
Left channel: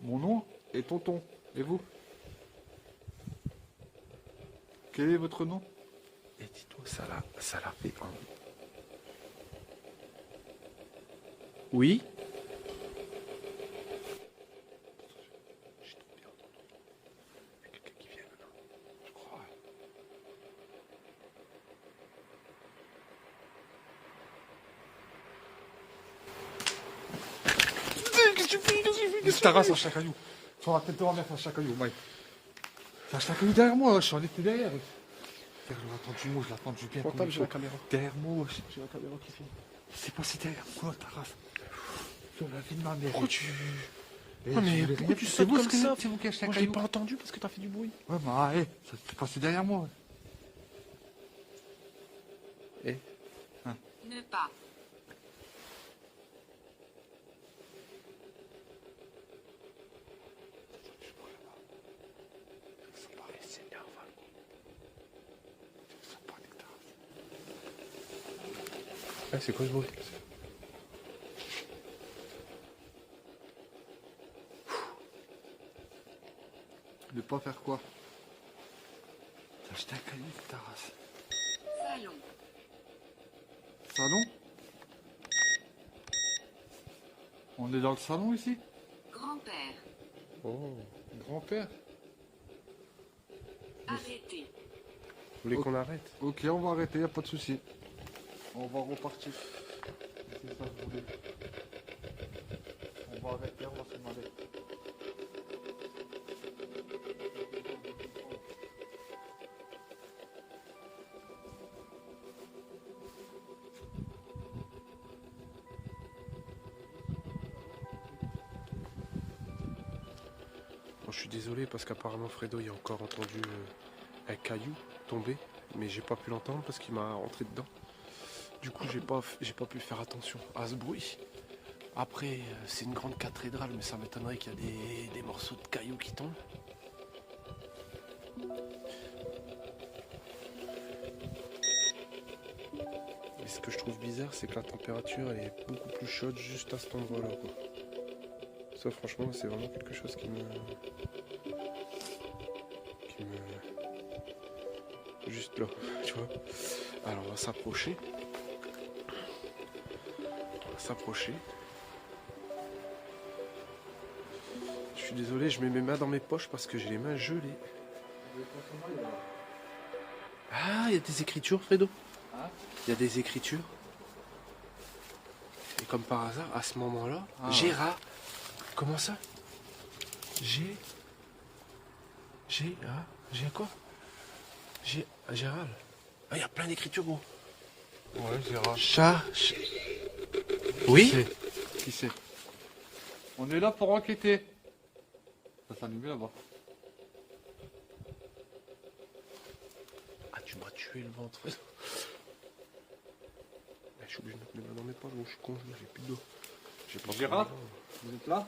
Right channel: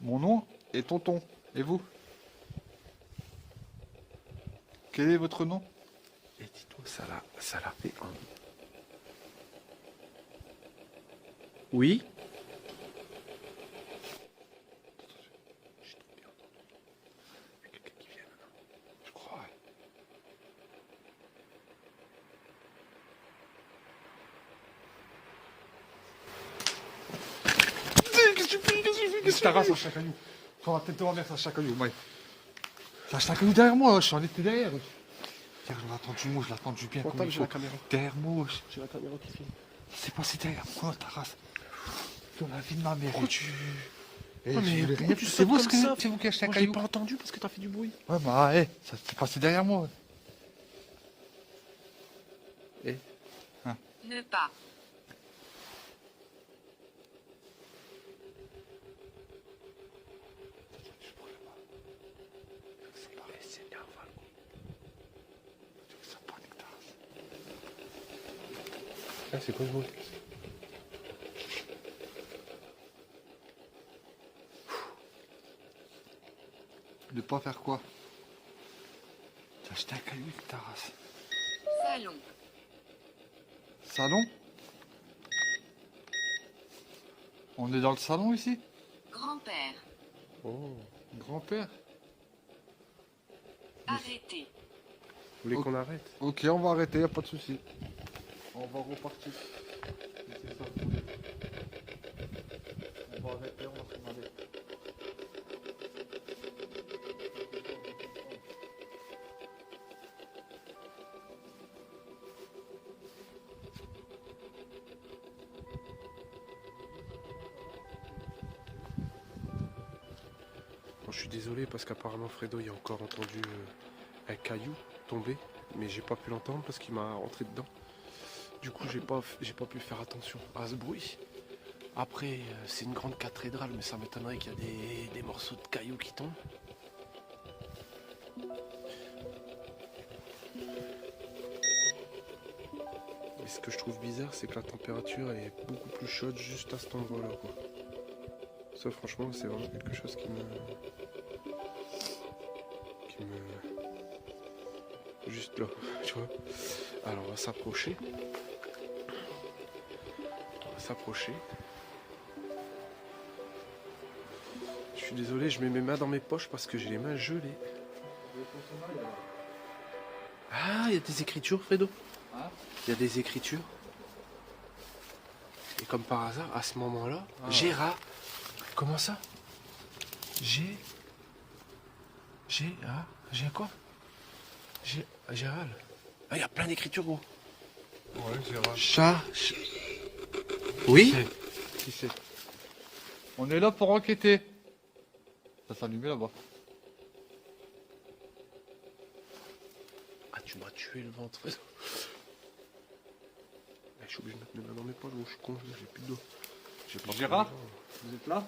Mon nom est Tonton. Et vous? Quel est votre nom? Et dis-toi, ça l'a fait en... Oui? J'ai trop bien entendu. Il y a quelqu'un qui vient maintenant. Je crois. Qu'est-ce que tu fais? Sur un caillou. Sur la tête de ma mère, sur un caillou. Ouais. C'est un caillou derrière moi, je suis en été derrière. Je l'ai entendu, moi, je l'ai entendu bien. Portable, j'ai la caméra. Derrière moi, C'est la caméra qui filme. c'est passé derrière moi, ta race. Sur la vie de ma mère. Pourquoi tu... Eh, Oh, mais je voulais pourquoi rien- tu c'est sautes vous comme ce que- ça? c'est vous qui achetez un Moi, je caillou. l'ai pas entendu parce que t'as fait du bruit. Ouais, bah, ça s'est passé derrière moi. Eh, Ne pas. Ah, c'est quoi ce bruit? De pas faire quoi? T'as acheté un caillou avec ta race. Salon. Salon? On est dans le salon ici? Grand-père. Oh. Grand-père? Arrêtez. Vous voulez qu'on arrête? Ok, on va arrêter, y a pas de souci. On va repartir. C'est ça, attendez. On va arrêter, on va s'en aller. Bon, je suis désolé parce qu'apparemment Fredo il a encore entendu un caillou tomber, mais j'ai pas pu l'entendre parce qu'il m'a rentré dedans. Du coup j'ai pas pu faire attention à ce bruit. Après c'est une grande cathédrale, mais ça m'étonnerait qu'il y a des morceaux de cailloux qui tombent. Et ce que je trouve bizarre, c'est que la température elle est beaucoup plus chaude juste à cet endroit-là, quoi. Ça franchement c'est vraiment quelque chose qui me juste là, tu vois. Alors on va s'approcher. Je suis désolé, je mets mes mains dans mes poches parce que j'ai les mains gelées. Ah, il y a des écritures, Fredo. Hein? Il y a des écritures. Et comme par hasard, à ce moment-là, Ah. Gérard. Comment ça? J'ai quoi? Gérald. Ah, il y a plein d'écritures, gros. Ouais, c'est rare. Oui? Qui c'est? On est là pour enquêter. Ça s'allume là-bas. Ah, tu m'as tué le ventre, Fredo. Je suis obligé de mettre mes mains dans mes poches, gros. Je suis con, j'ai plus de dos. J'ai pas Gérard? pris mes gants. Vous êtes là?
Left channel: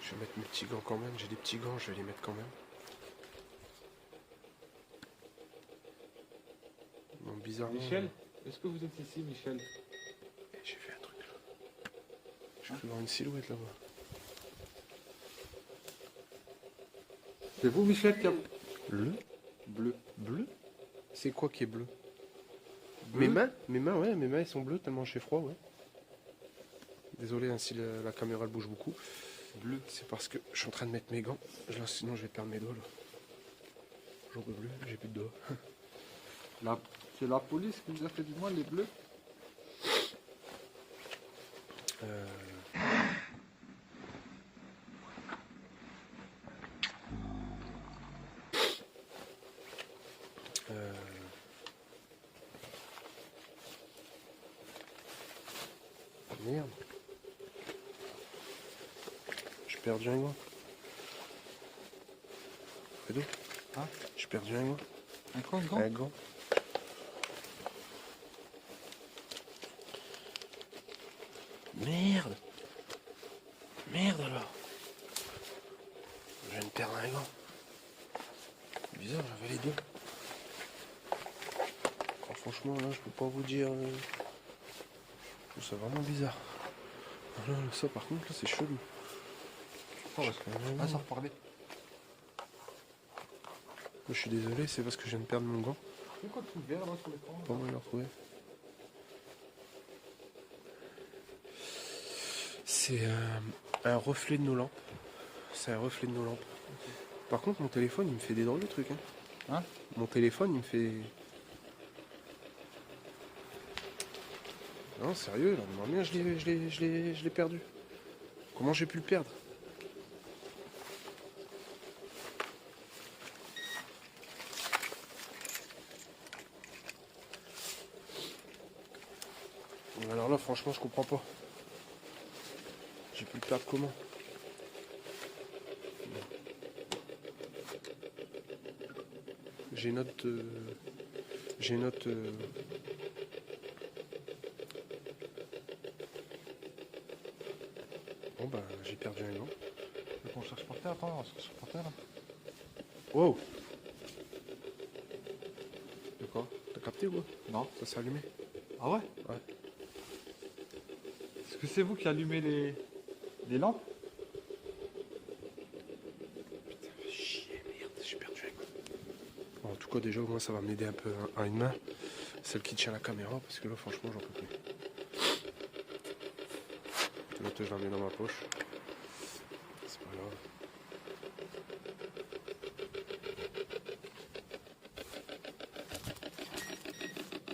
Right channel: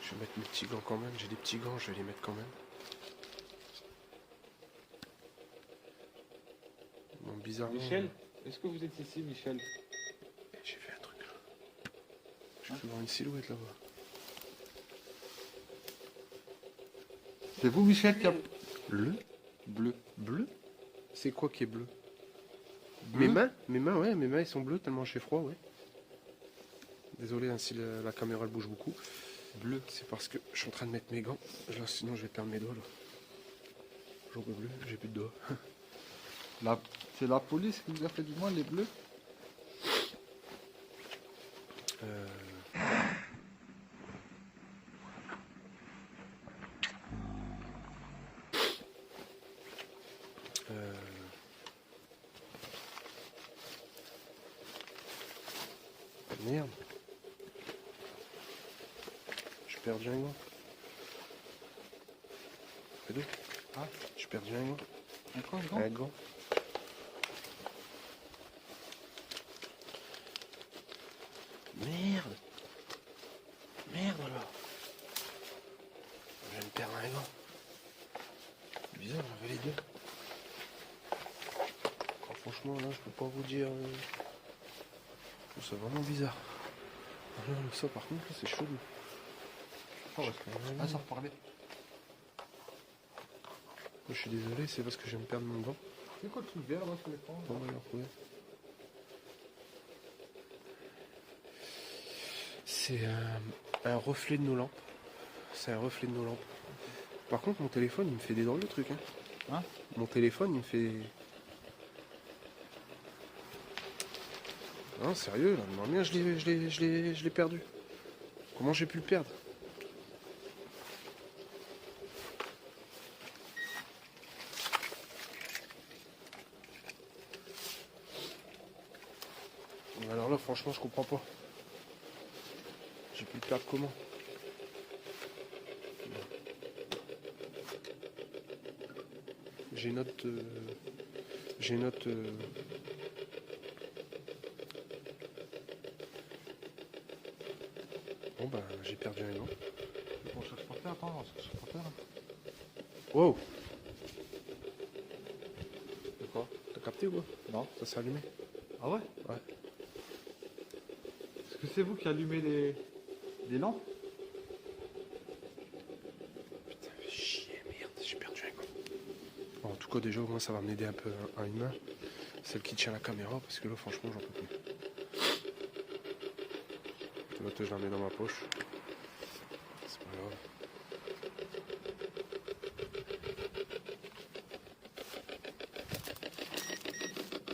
Je vais mettre mes petits gants quand même. J'ai des petits gants, je vais les mettre quand même. Bon, bizarrement. Michel? Est-ce que vous êtes ici, Michel? J'ai vu un truc là. Je peux voir une silhouette là-bas. C'est vous, Michel, qui a... Bleu? Bleu. Bleu? C'est quoi qui est bleu? Bleu? Mes mains, ouais, mes mains ils sont bleus tellement j'ai froid, ouais. Désolé hein, si la caméra elle bouge beaucoup. Bleu, c'est parce que je suis en train de mettre mes gants. Là, sinon je vais perdre mes doigts là. J'en peux plus, j'ai plus de doigts. C'est la police qui vous a fait du mal, les bleus? Merde. J'ai perdu un gant. C'est tout? Hein? J'ai perdu un gant. Un Un gant. Merde. Merde alors. Je viens de perdre un gant. C'est bizarre, j'avais les deux. Oh, franchement, là, je peux pas vous dire. Je trouve ça vraiment bizarre. Ça, par contre, c'est chelou. Ah, ça reparlait. Je suis désolé, c'est parce que je viens de perdre mon gant. C'est quoi tout vert là sur l'écran? Pas mal à retrouver. C'est un reflet de nos lampes. C'est un reflet de nos lampes. Par contre, mon téléphone, il me fait des drôles de trucs. Hein? Mon téléphone, il me fait... Non, sérieux, là, non, bien, je l'ai perdu. Comment j'ai pu le perdre? Alors là, franchement, je comprends pas. J'ai pu le perdre comment? J'ai note... Bon bah j'ai perdu un gant. On cherche par terre, attends, on cherche par terre. Wow! capté ou quoi? Non. Ça s'est allumé. Ah ouais? Ouais. Est-ce que c'est vous qui allumez les lampes? Chier, merde, je suis perdu. Bon, en tout cas, déjà, au moins, ça va m'aider un peu à une main. Celle qui tient la caméra, parce que là, franchement, j'en peux plus. L'autre, je la mets dans ma poche. C'est pas grave.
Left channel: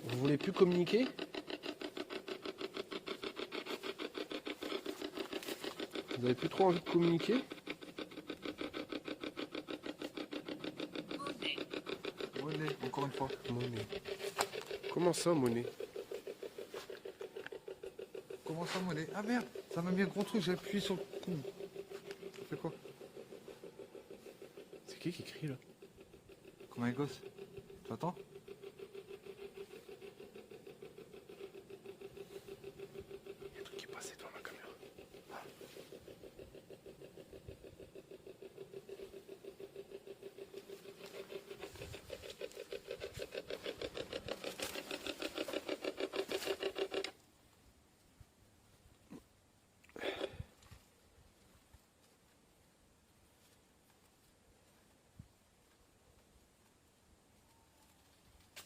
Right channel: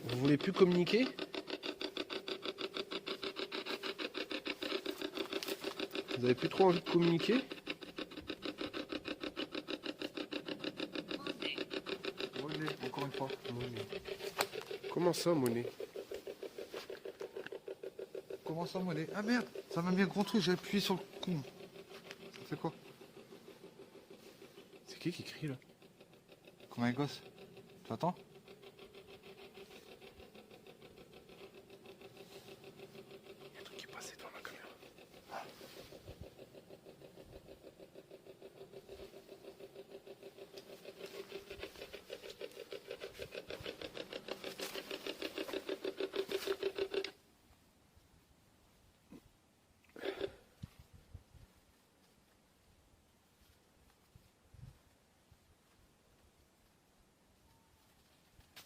Vous voulez plus communiquer? Vous avez plus trop envie de communiquer? Monnaie, encore une fois. Monnaie. Comment ça, monnaie? Comment ça, monnaie? Ah merde, ça m'a mis un gros truc, j'ai appuyé sur le coup. C'est quoi? C'est qui crie là? Comme un gosse. Tu attends? Il y a un truc qui est passé devant ma caméra.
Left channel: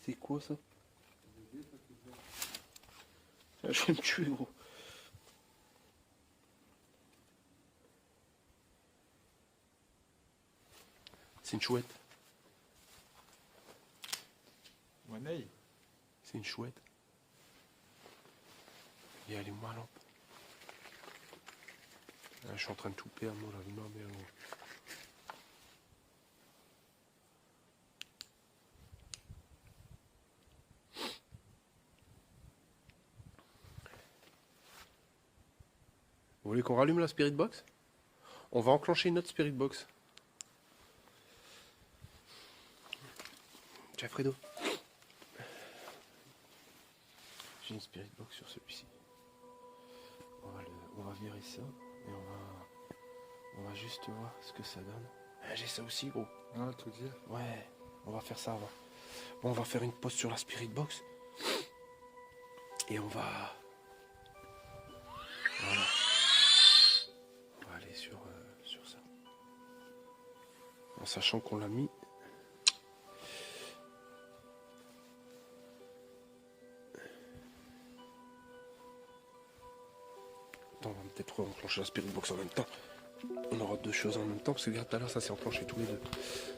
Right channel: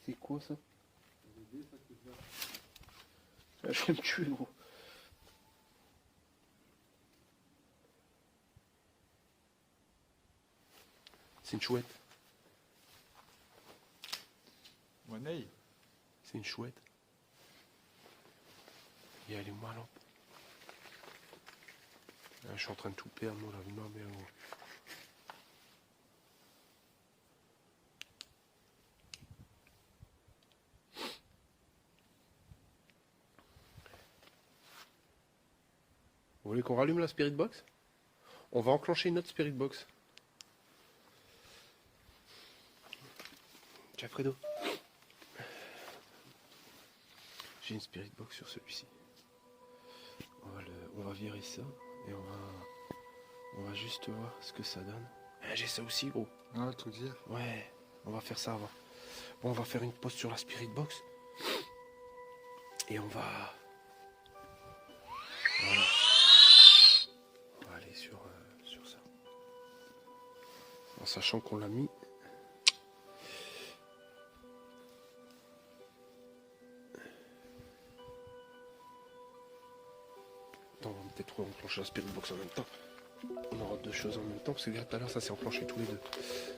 C'est quoi ça? Ah, je vais me tuer, gros. C'est une chouette. Monnaie. C'est une chouette. Et elle est où ma lampe? Ah, je suis en train de tout perdre, moi, la vie de ma mère, gros. Vous voulez qu'on rallume la Spirit Box? On va enclencher une autre Spirit Box. Tiens, Fredo. J'ai une Spirit Box sur celui-ci. On va virer ça et on va juste voir ce que ça donne. Eh, j'ai ça aussi, gros. Ouais, tout dire. Ouais, on va faire ça avant. Bon, on va faire une pause sur la Spirit Box. Et on va... Voilà. On va aller sur ça. En sachant qu'on l'a mis. Attends, on va peut-être enclencher la Spirit Box en même temps. On aura deux choses en même temps, parce que tout à l'heure, ça s'est enclenché tous les deux.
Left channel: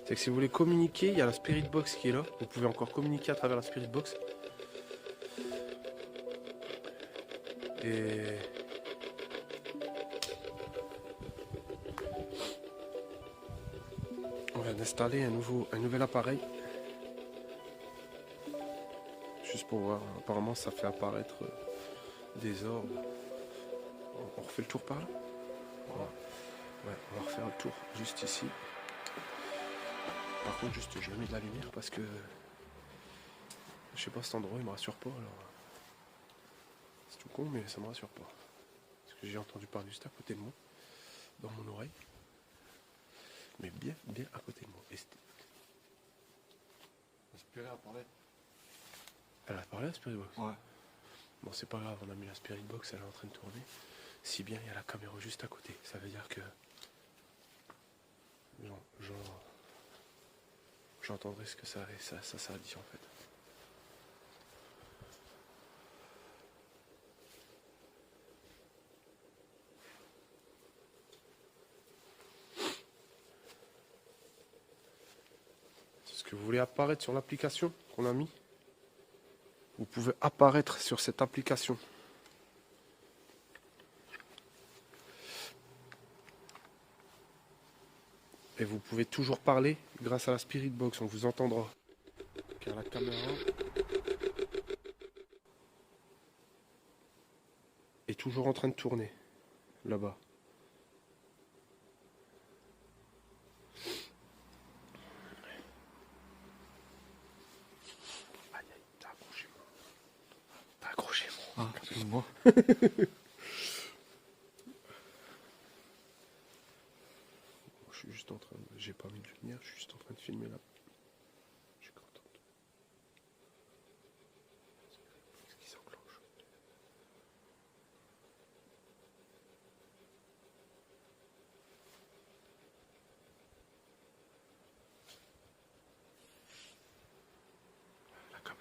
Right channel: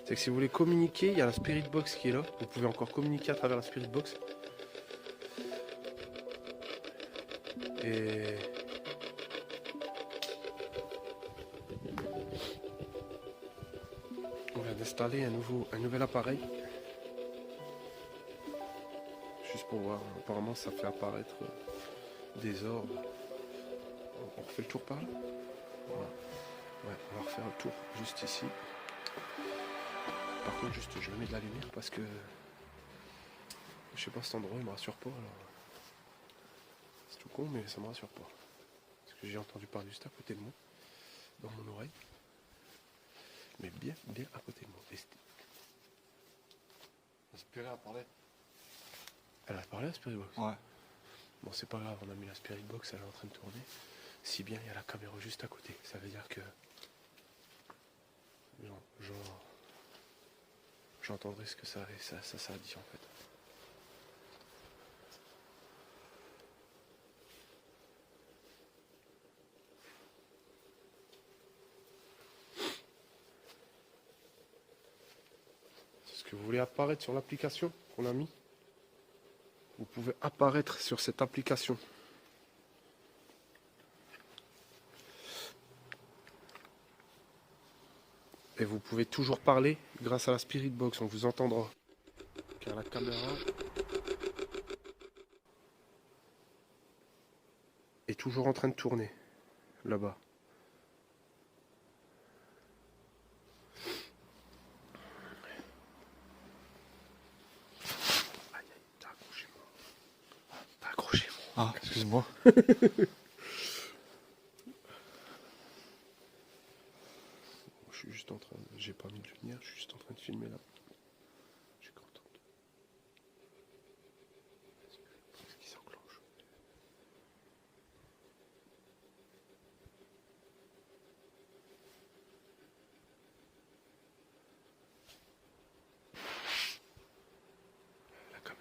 C'est que si vous voulez communiquer, il y a la Spirit Box qui est là. Vous pouvez encore communiquer à travers la Spirit Box. Et... on va installer un nouvel appareil. Juste pour voir. Apparemment, ça fait apparaître des orbes. On refait le tour par là? Voilà. Ouais, on va refaire le tour juste ici. Par contre, juste je mets de la lumière parce que je sais pas, cet endroit il me rassure pas. Alors c'est tout con, mais ça me rassure pas. Parce que j'ai entendu parler juste à côté de moi, dans mon oreille, mais bien à côté de moi. J'espérais à parler. Elle a parlé la Spirit Box. Ouais. Bon, c'est pas grave, on a mis la Spirit Box, elle est en train de tourner. Si bien il y a la caméra juste à côté, ça veut dire que non, j'entendrai ce que ça a dit en fait. C'est ce que vous voulez apparaître sur l'application qu'on a mis. Vous pouvez apparaître sur cette application. Et vous pouvez toujours parler grâce à la Spirit Box, on vous entendra. Car la caméra est toujours en train de tourner, là-bas. Aïe aïe, t'as accroché moi. T'as accroché moi. Ah, excuse-moi. Je suis juste en train de... J'ai pas mis de lumière, je suis juste en train de filmer là. Je suis content.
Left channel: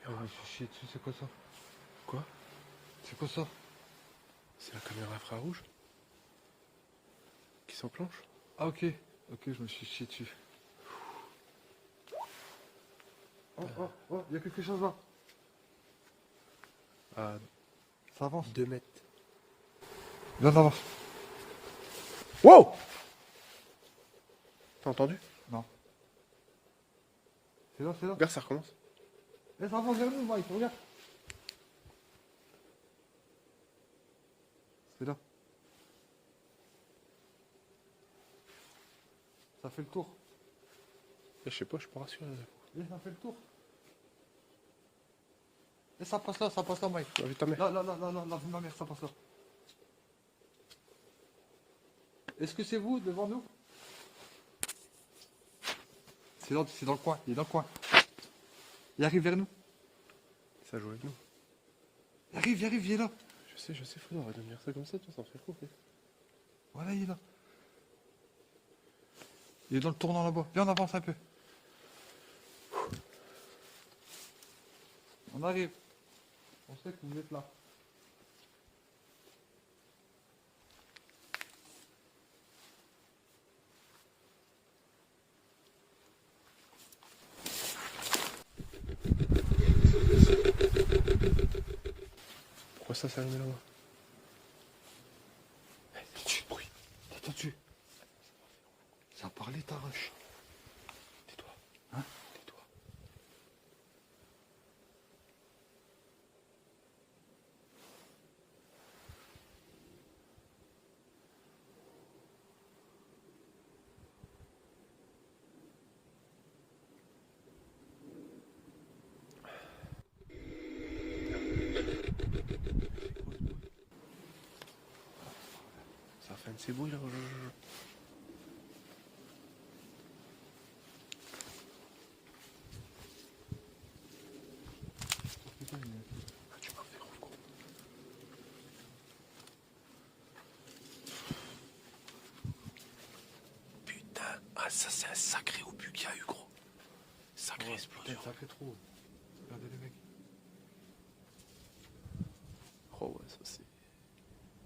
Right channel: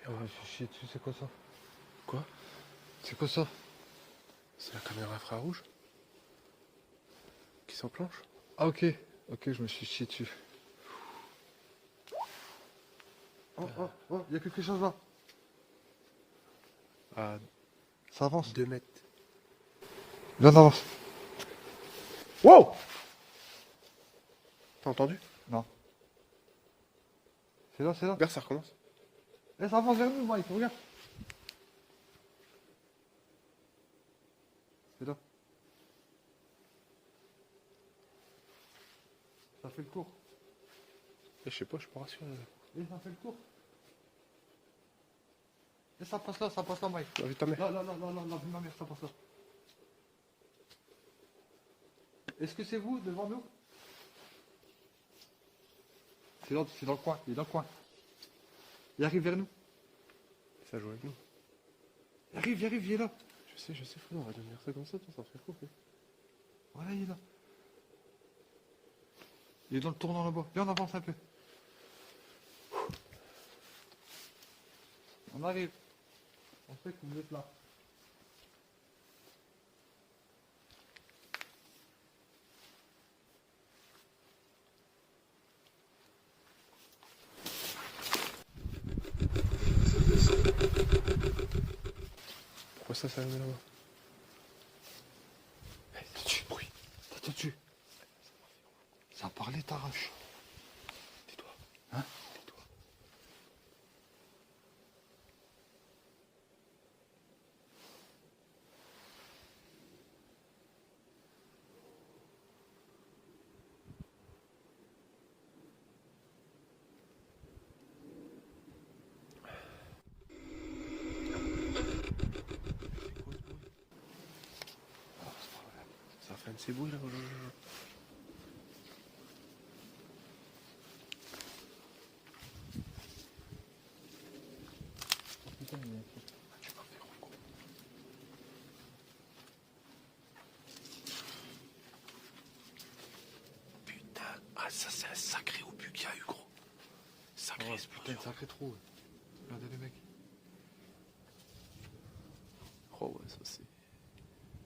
Et on va Je me suis chié dessus, c'est quoi ça? Quoi? C'est quoi ça? C'est la caméra infrarouge qui s'enclenche. Ah ok, ok, je me suis chié dessus. Oh, oh, oh, il y a quelque chose là. À Ça avance. 2 mètres. Viens, on avance. Wow! T'as entendu? Non. C'est là, c'est là. Regarde, ça recommence. Eh, ça avance vers nous, Mike, regarde. C'est là. Ça fait le tour. Je sais pas, je suis pas rassuré. Eh, ça fait le tour. Et ça passe là, Mike. T'as vu ta mère? Là, ma mère, ça passe là. Est-ce que c'est vous, devant nous? C'est dans le coin, il est dans le coin. Il arrive vers nous. Ça joue avec nous. Il arrive, il est là. Je sais, faut on va devenir ça comme ça, ça fait trop. Voilà, il est là. Il est dans le tournant là-bas. Viens, on avance un peu. On arrive. On sait que vous êtes là. Pourquoi ça s'allume là-bas? C'est quoi ce bruit? T'es dessus. Ça a parlé, t'arrache. Tais-toi. Hein? Tais-toi. C'est quoi ce bruit? Ça fait un de ces bruits là. Putain, Putain, ah ça c'est un sacré obus qu'il y a eu gros. Sacrée explosion. ça fait trop. Regardez les mecs. Oh ouais, ça c'est...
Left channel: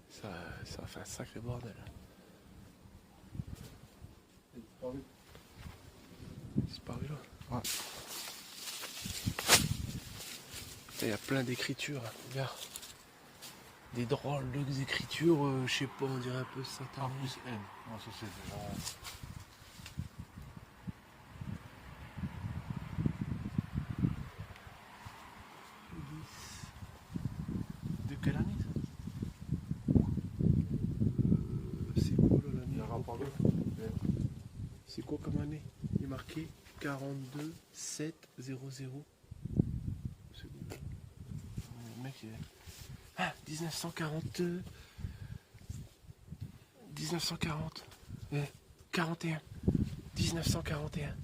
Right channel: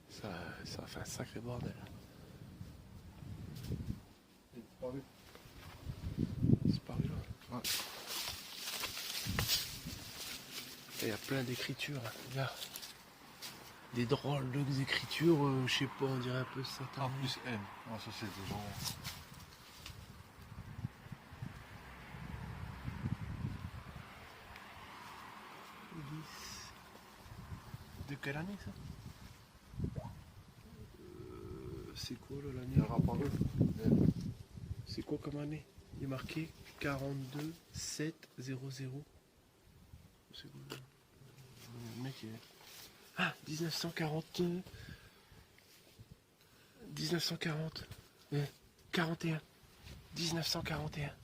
Ça a fait un sacré bordel. Il est disparu. C'est paru là. Ouais. Il y a plein d'écritures. Regarde. Des drôles d'écritures, je sais pas, on dirait un peu A satanique. plus M. Non, ça c'est des gens. De quelle année ça? C'est quoi là, Il y a un rapport l'année? M. C'est quoi comme année? Il est marqué 42 7 0 0. C'est quoi? Le mec il est... Ah 1940 1940 41 1941.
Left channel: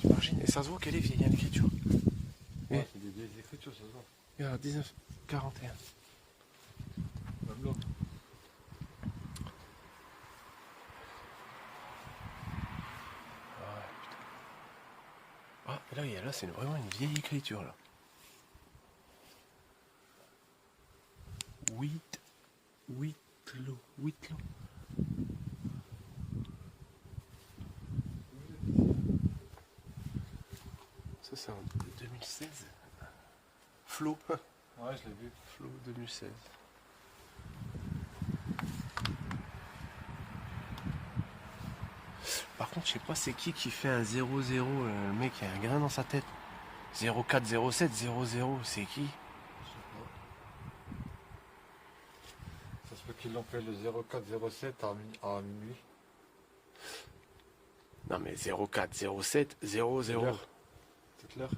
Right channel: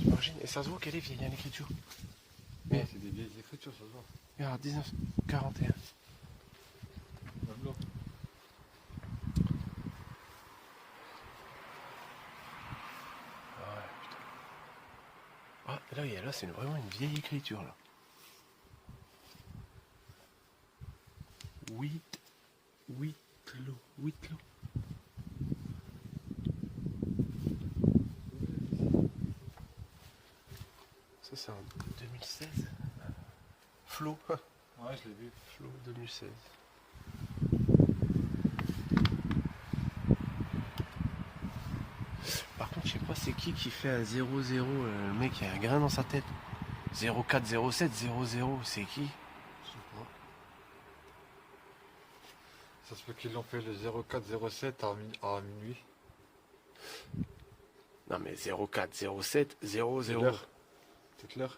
J'imagine, et ça se voit qu'elle est vieille, hein, l'écriture. Ouais, c'est des vieilles écritures, ça se voit. Il y a 1941. Même là. Ah ouais, putain. Ah, là c'est vraiment une vieille écriture, là. 8 lots. Ça, c'est en 2016. Flo. Ouais, je l'ai vu. Flo 2016. Par contre, je sais pas c'est qui fait un 0-0. Le mec, il a un grain dans sa tête. 04 07 00, c'est qui? Je sais pas. Ça se peut qu'ils l'ont fait le 0407 à minuit. Non, mais 04 07 00. C'est clair?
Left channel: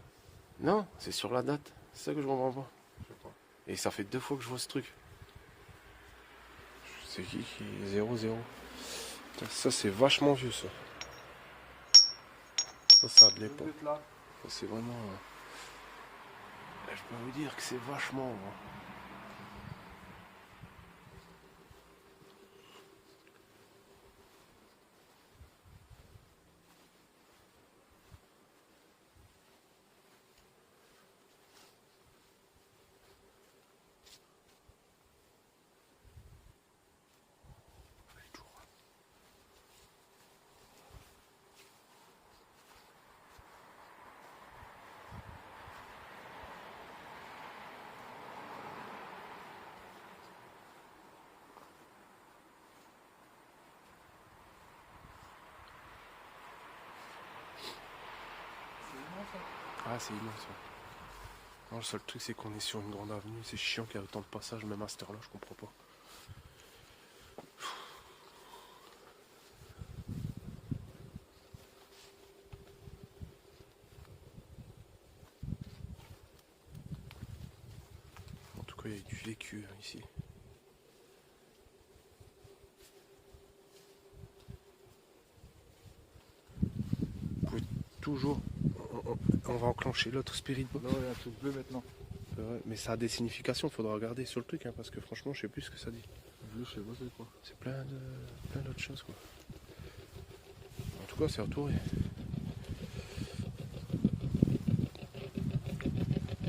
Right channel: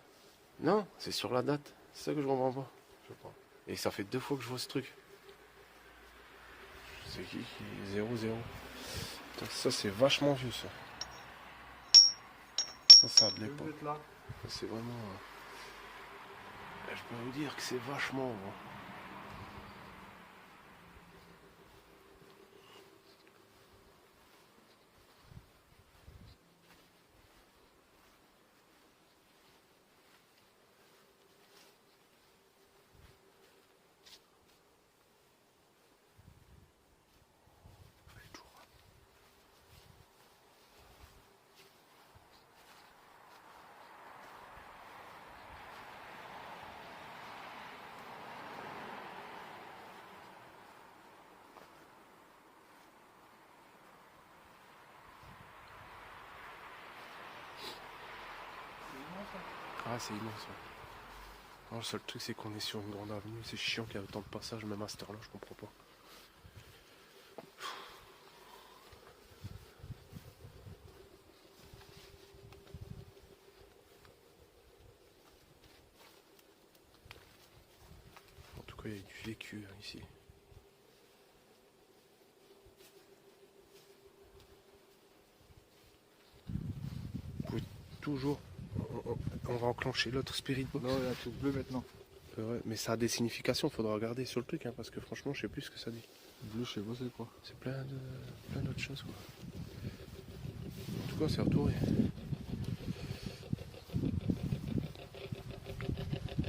Non, c'est sur la date. C'est ça que je comprends pas. Je sais pas. Et ça fait 2 fois que je vois ce truc. C'est qui 0-0. Ça, c'est vachement vieux, ça. Ça a de l'époque. Là. Ça, c'est vraiment... Je peux vous dire que c'est vachement... Ah, c'est immense, ouais. Non, le seul truc, c'est qu'on est sur une grande avenue. C'est chiant qu'il y a autant de passages, même à cette heure-là, je comprends pas. En tout cas, il y a du vécu hein, ici. Vous pouvez toujours... On va enclencher l'autre Spirit Box. Là, il y a un truc bleu maintenant. C'est vrai, mais ça a des significations, faudra regarder sur le truc, hein, parce que franchement, je sais plus ce que ça dit. Bleu, je sais pas c'est quoi. C'est plein d'autres choses, quoi. En tout cas, c'est retourné.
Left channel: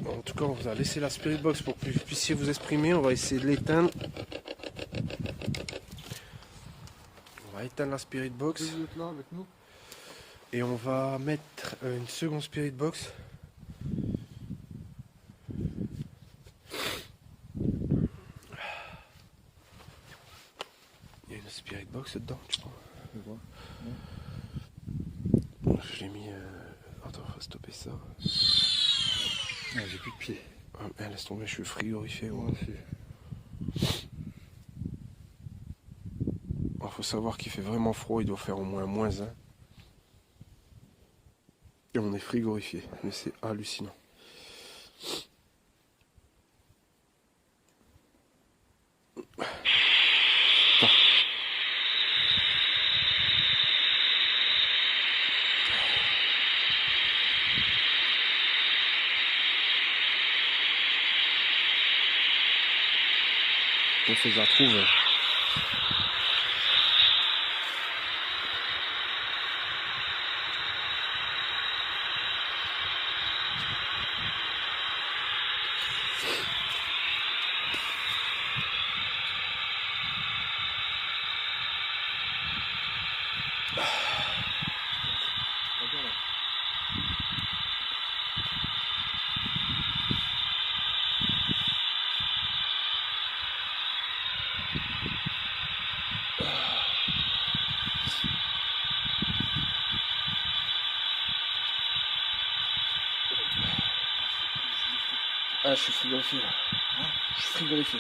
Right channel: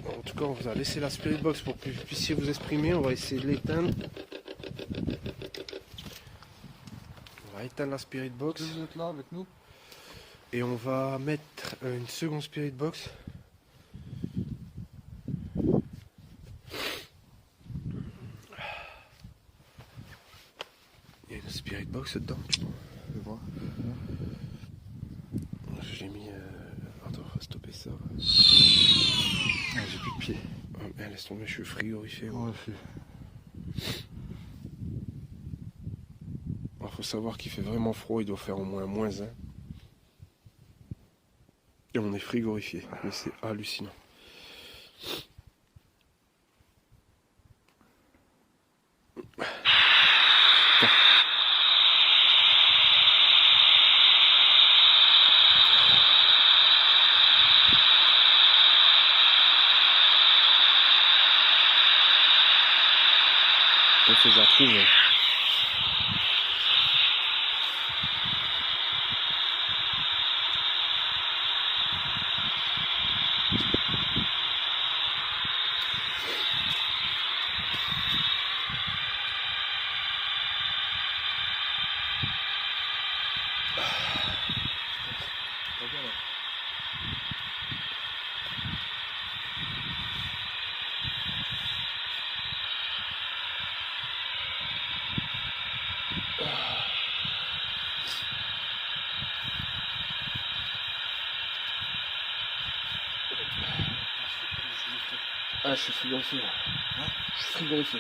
En tout cas, on vous a laissé la Spirit Box pour que vous puissiez vous exprimer. On va essayer de l'éteindre. On va éteindre la Spirit Box. Vous êtes là avec nous? Et on va mettre une seconde Spirit Box. Il y a une Spirit Box dedans, tu vois. Je vois. Je l'ai mis... Attends, faut stopper ça. Ah, j'ai plus de pied. Ah, laisse tomber, je suis frigorifié. Ouais, Faut savoir qu'il fait vraiment froid, il doit faire au moins -1. Et on est frigorifié, mais c'est hallucinant. On fait la trouve. Ah, je suis frigorifié là. Je suis frigorifié.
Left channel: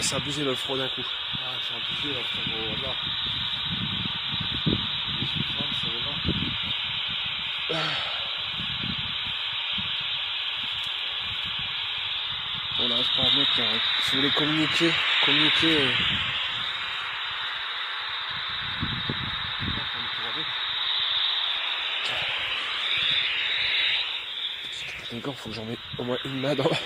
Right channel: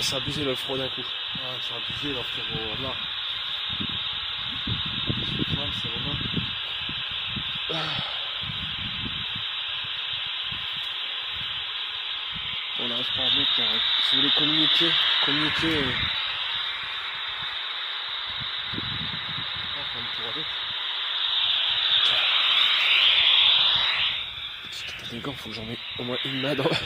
C'est abusé le froid d'un coup. Ah, c'est abusé là, frère. Là. On n'arrive pas à mettre. Si vous voulez communiquer. Les gants, faut que j'en mette au moins une main dans la...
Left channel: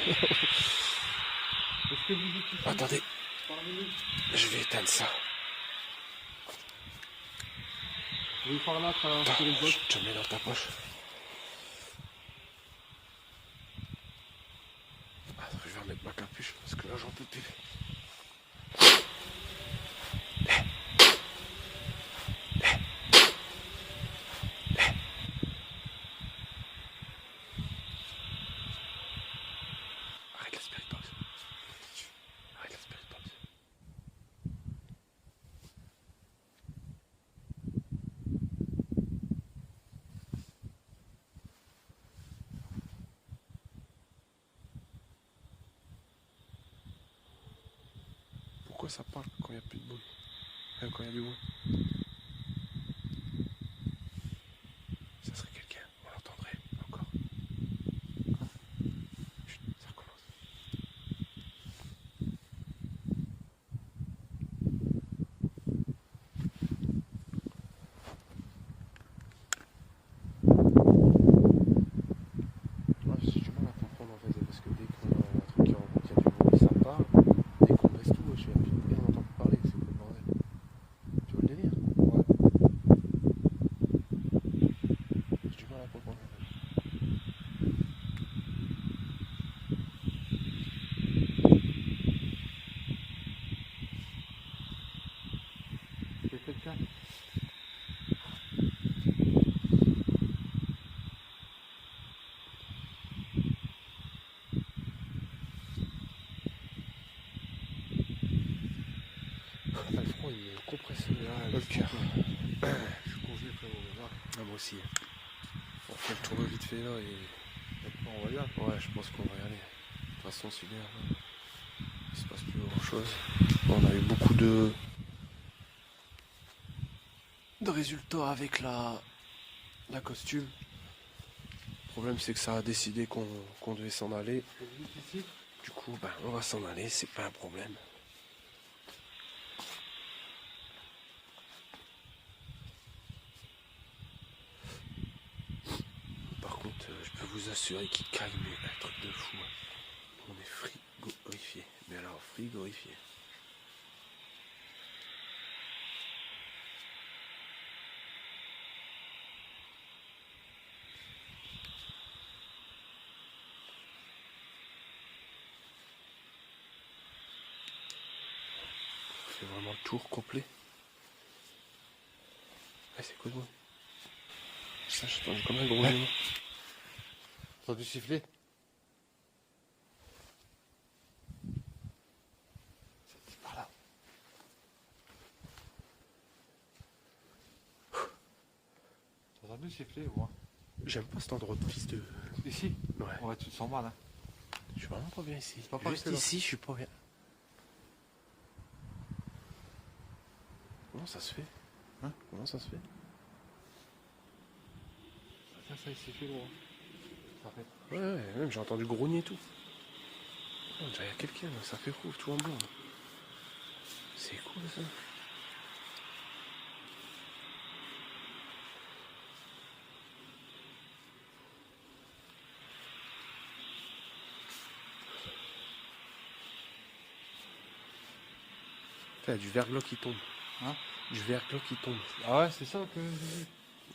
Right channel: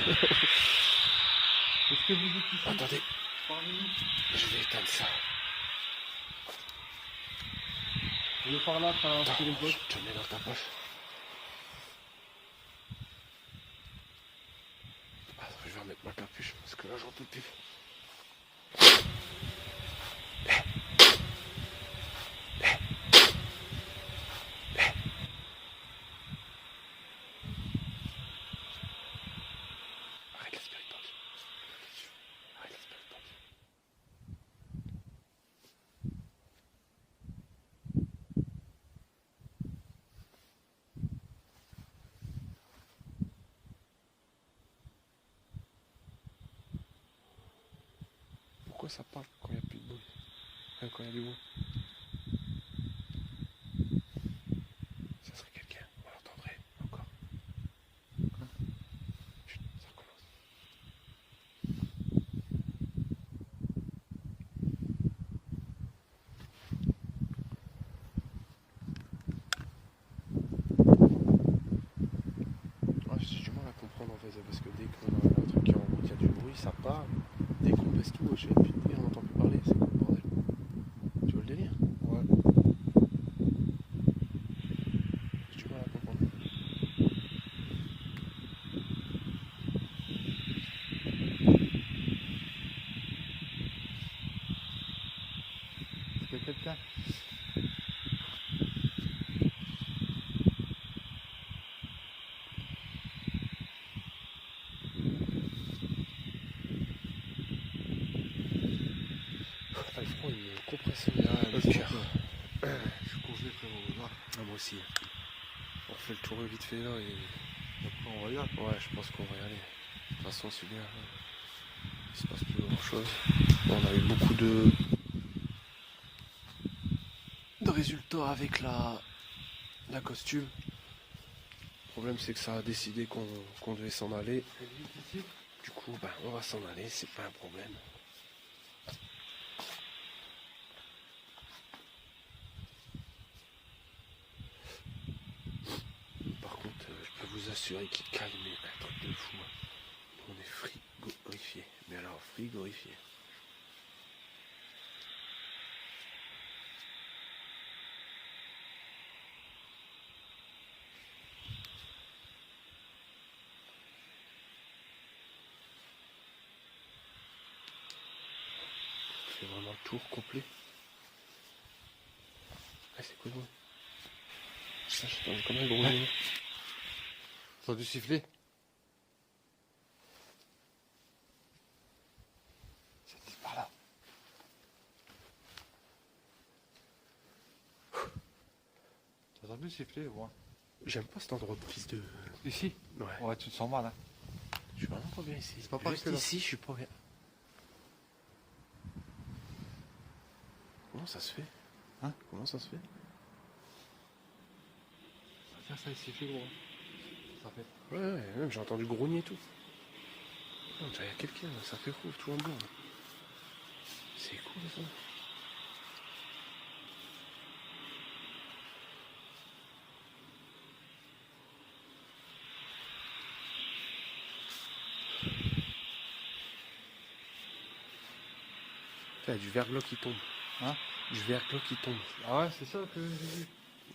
Est-ce que vous dites ici? Attendez, Parlez-nous. je vais éteindre ça. Vous par là, par la Spirit Box. Je te mets dans ta poche. Ah, je vais remettre ma capuche parce que là j'en peux plus. Arrête la Spirit Box. Arrête la Spirit Box. Pourquoi ça parle quand il n'y a plus de bruit? Même quand il y a du bruit. Ça serait quelqu'un, on l'entendrait encore. Chut, ça recommence. Ah, j'ai du mal à comprendre en fait, parce que dès qu'on a un truc qui rencontre, il y a du bruit, ça part. Dès qu'on laisse tout, je sais plus de bruit, on n'entend plus parler, c'est quoi le bordel? Tu vois le délire? J'ai du mal à comprendre en fait. compression du cœur. Ah, moi aussi. On fait le tour vite fait là et... On va y aller. Ouais, je pense qu'on va y aller. De toute façon, c'est bien. Là. Il se passe plus grand chose. Bon, on a eu beaucoup de résultats avec la costume. Le problème, c'est que ça a décidé qu'on devait s'en aller. Du coup, ben, on va s'en aller, c'est pas un problème. Par contre, je peux vous assurer qu'il calme un truc de fou. On est frigorifié. Mais alors, frigorifié. C'est vraiment le tour complet. Ah, c'est quoi, moi? Ça, je pense comme un gros nom. Ça a dû siffler. C'est par là. Ça a dû siffler, moi. J'aime pas cet endroit de fils de... Ici? Ouais. Ouais, tu te sens mal, hein. Je suis vraiment pas bien ici. pas Juste passé, là. ici, je suis pas bien. Comment ça se fait? Comment ça se fait? Ça a sifflé, gros. Ça fait. Ouais, même j'ai entendu grogner et tout. Oh, il y a quelqu'un, là, ça fait rouge, tout en blanc. Là. C'est cool ça. Il y a du verglas qui tombe. Hein? Du verglas qui tombe. Ah ouais, c'est ça que j'ai vu.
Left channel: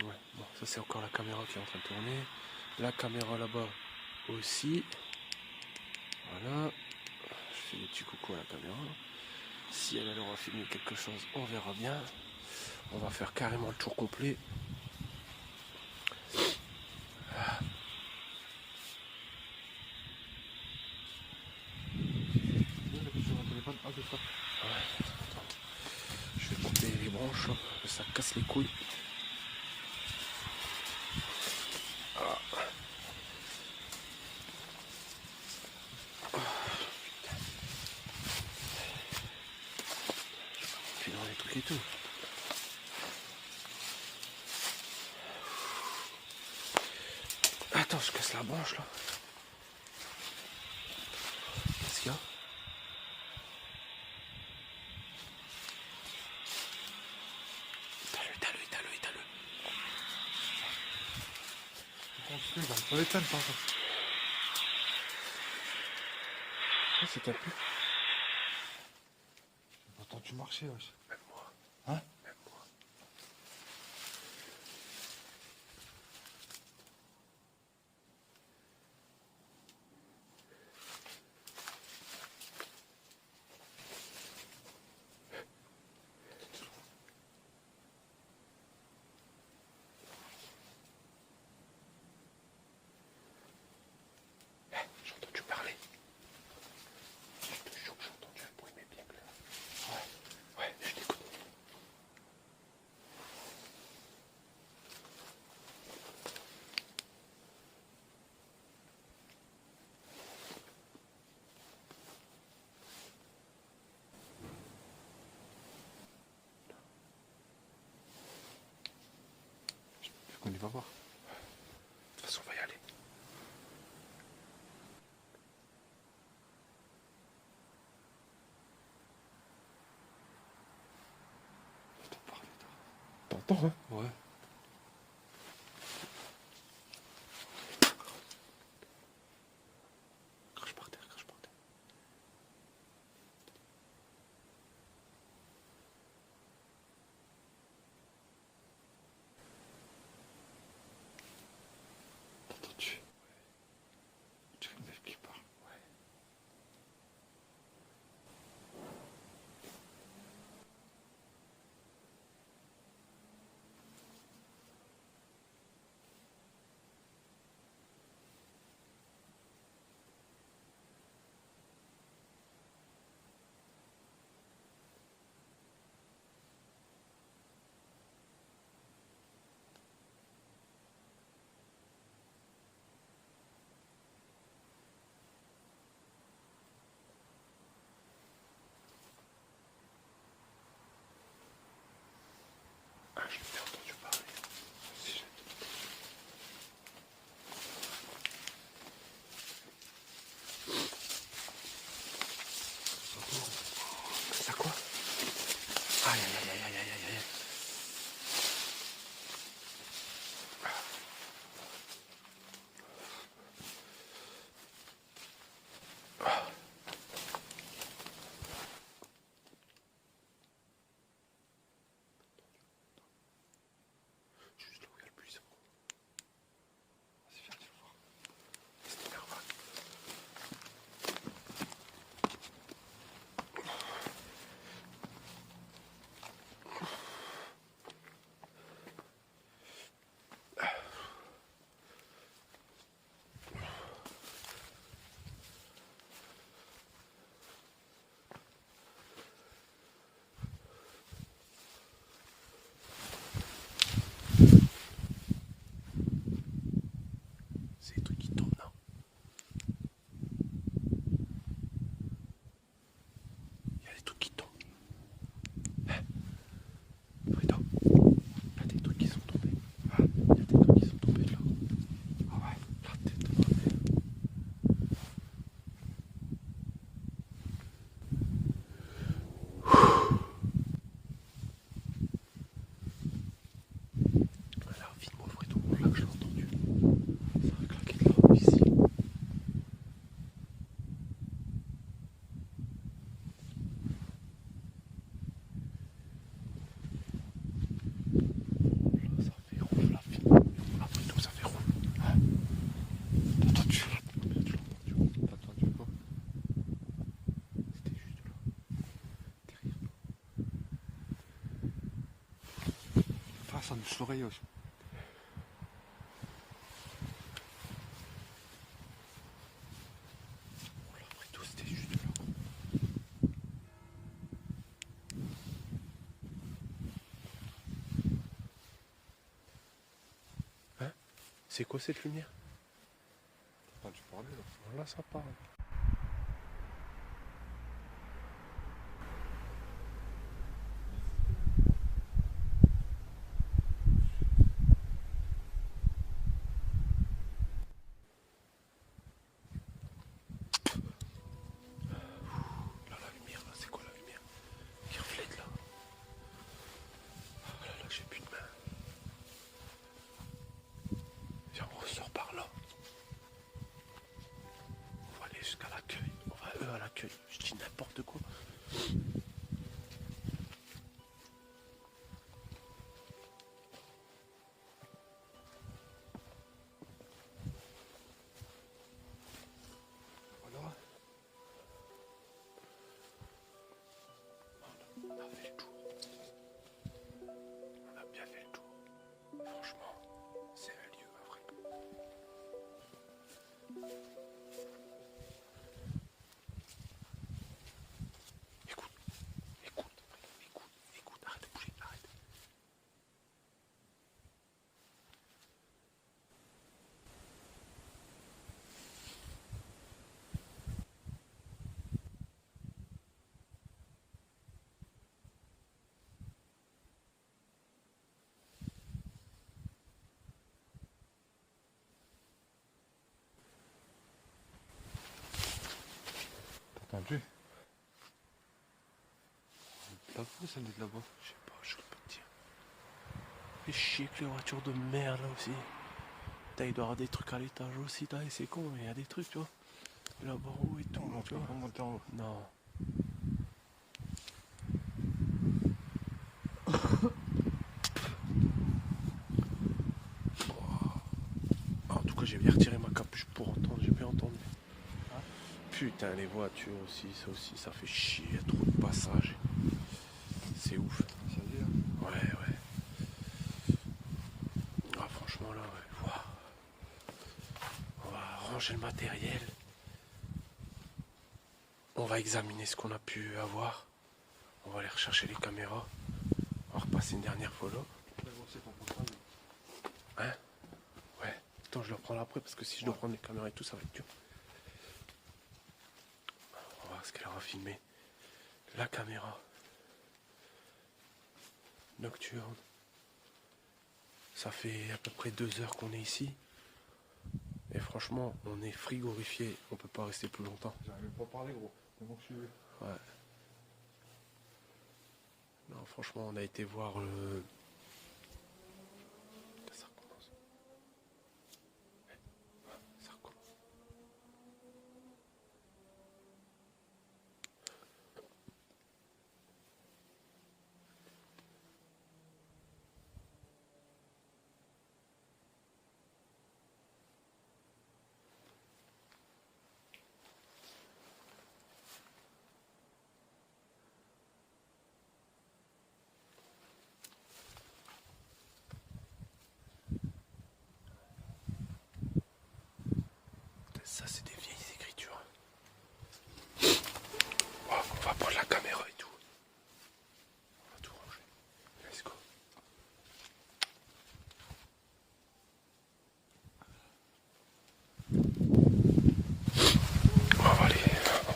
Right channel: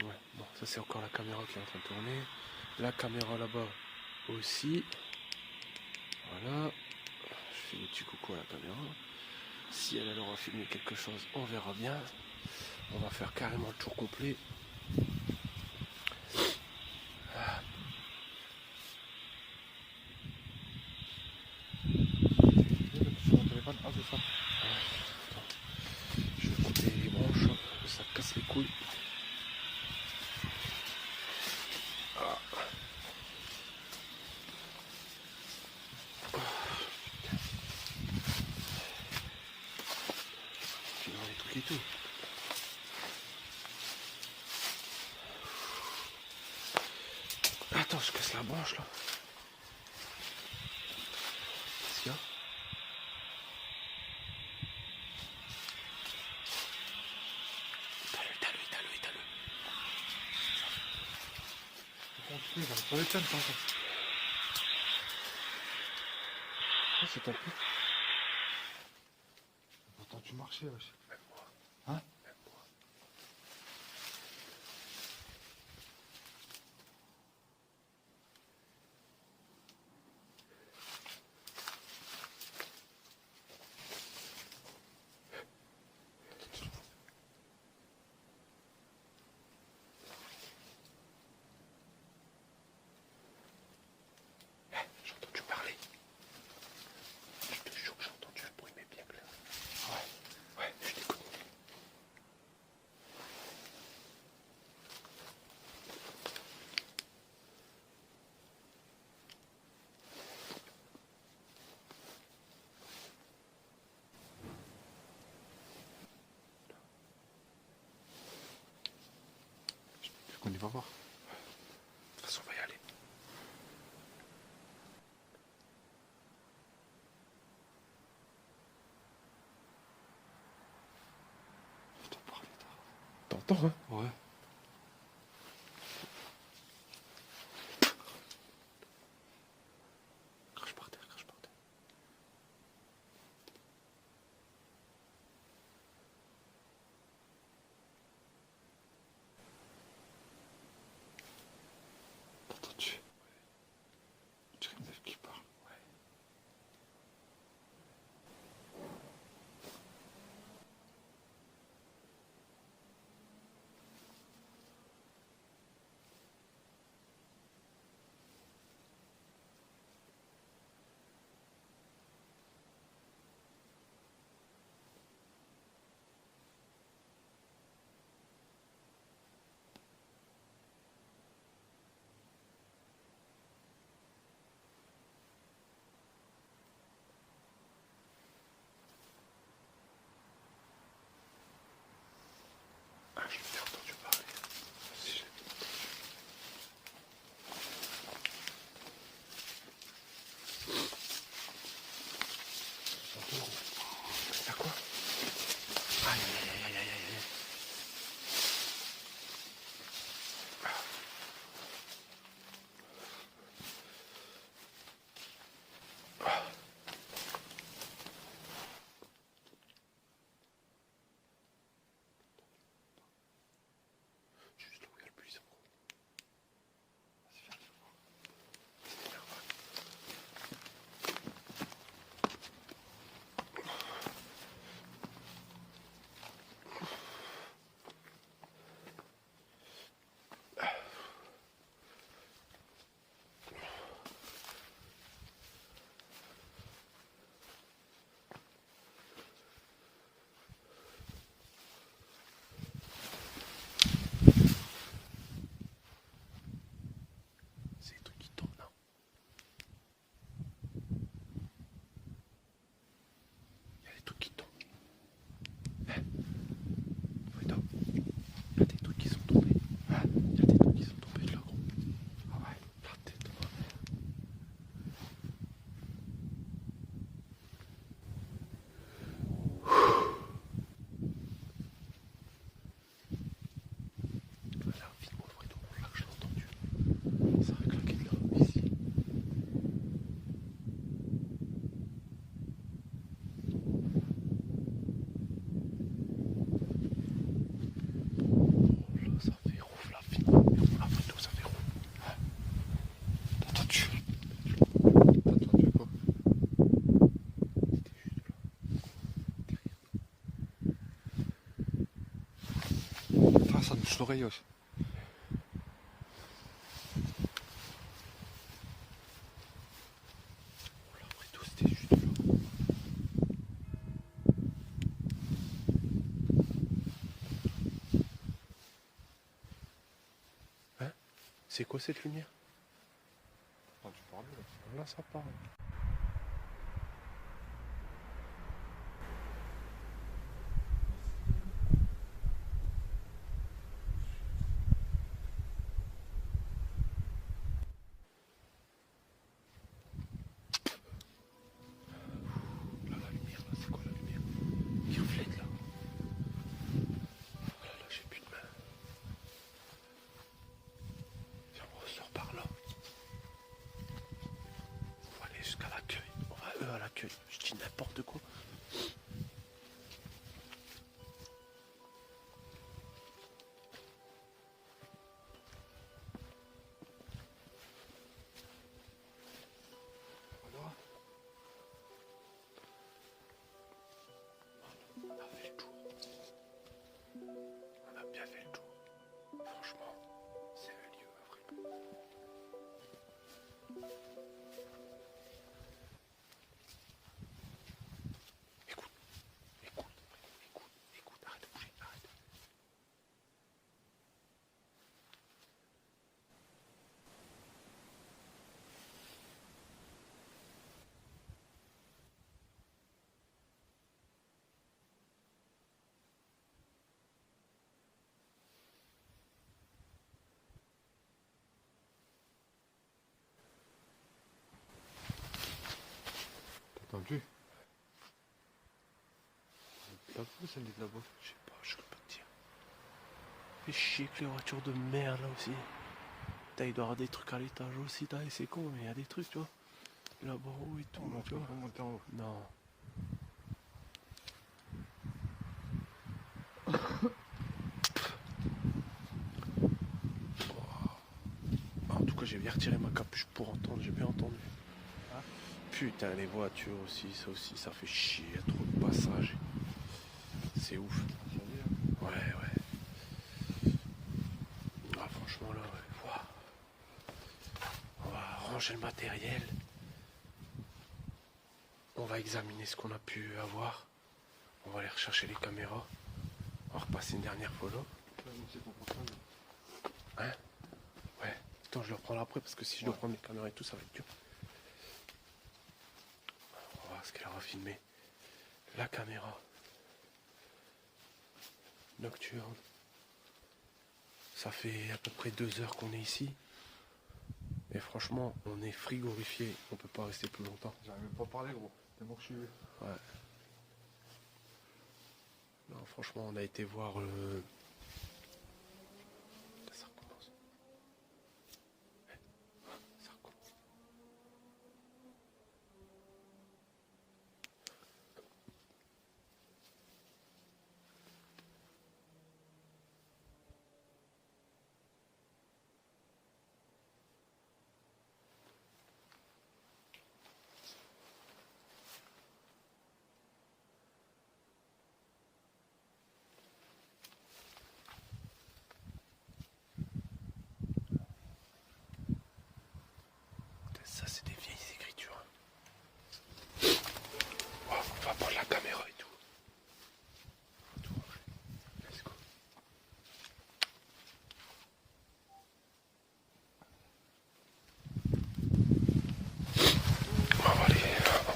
Ouais, bon, ça c'est encore la caméra qui est en train de tourner. La caméra là-bas aussi. Voilà. Je fais des petits coucou à la caméra. Si elle aura filmé quelque chose, on verra bien. On va faire carrément le tour complet. Voilà. Sur mon téléphone. Ah, c'est ça. Attends. Je vais couper les branches, ça casse les couilles. Ah. Tu vois les trucs et tout. Attends, ça casse la branche là. Qu'est-ce qu'il y a? Étale-le. Faut construire, j'arrive pas les peines, ça. Ah, c'est un peu. Attends, tu marchais, wesh. Même moi. Hein? Même moi. J'ai entendu parler. Je te jure que j'ai entendu un bruit, mais bien clair. Ouais, je t'écoute. On y va voir. De toute façon, on va y aller. T'entends, hein? Ouais. Crache par terre. Attends, tu. Tu as un œuf qui part. Ouais. Juste là où il y a le buisson. C'est des trucs qui tombent là. Il y a des trucs qui tombent. Attends. Il y a des trucs qui sont tombés. Il y a des trucs qui sont tombés de là. Ah ouais. La tête de ma mère. Voilà, vite m'ouvrir tout. Là que j'ai entendu. Ça a claqué de là, ici. Ça fait roule la fille. La photo, ça fait roule. T'as entendu? T'as entendu quoi? C'était juste là. Derrière. Ah, ça me touche l'oreille aussi. Bon, là, après tout, c'était juste là. Hein? C'est quoi cette lumière? Ah, tu parlais là. Là, ça parle. Là, la lumière, là, c'est quoi la lumière? Il reflète là. Ah, là, j'ai plus de main. Viens, on ressort par là. On va aller jusqu'à l'accueil. On va eux à l'accueil. Je dis n'importe quoi. Alors, On a fait le tour. On a bien fait le tour. Franchement, c'est un lieu incroyable. Écoute, arrête de bouger, arrête. t'as entendu? Pas fou celle de là-bas. Je sais pas, je peux pas te dire. Fait chier que les voitures de merde là aussi. Putain, il doit y avoir des trucs à l'étage aussi, c'est con, mais il y a des trucs, tu vois. Là-bas en haut et tout, On tu peut vois. pas monter en haut. Non. En tout cas, j'ai bien retiré ma capuche pour entendre, j'ai bien entendu. Hein? Putain, les voitures aussi, ça fait chier, il y a trop de passages. C'est ouf. Ça y est, hein. Ouais. Ah, franchement, là, ouais. Ouah. On va ranger le matériel. On va examiner ce qu'on a pu avoir. On va aller rechercher les caméras. On va repasser une dernière photo. Hein? Ouais. Attends, je le reprends après parce que si je dois prendre les caméras et tout, ça va être dur. On va voir ce qu'elle aura filmé. La caméra. Nocturne. Ça fait à peu près 2 heures qu'on est ici. Et franchement, on est frigorifié. On peut pas rester plus longtemps. J'arrive même pas à parler, gros. C'est moi que je suis. Ouais. Non, franchement, on a été voir le... Ça recommence. Ça recommence.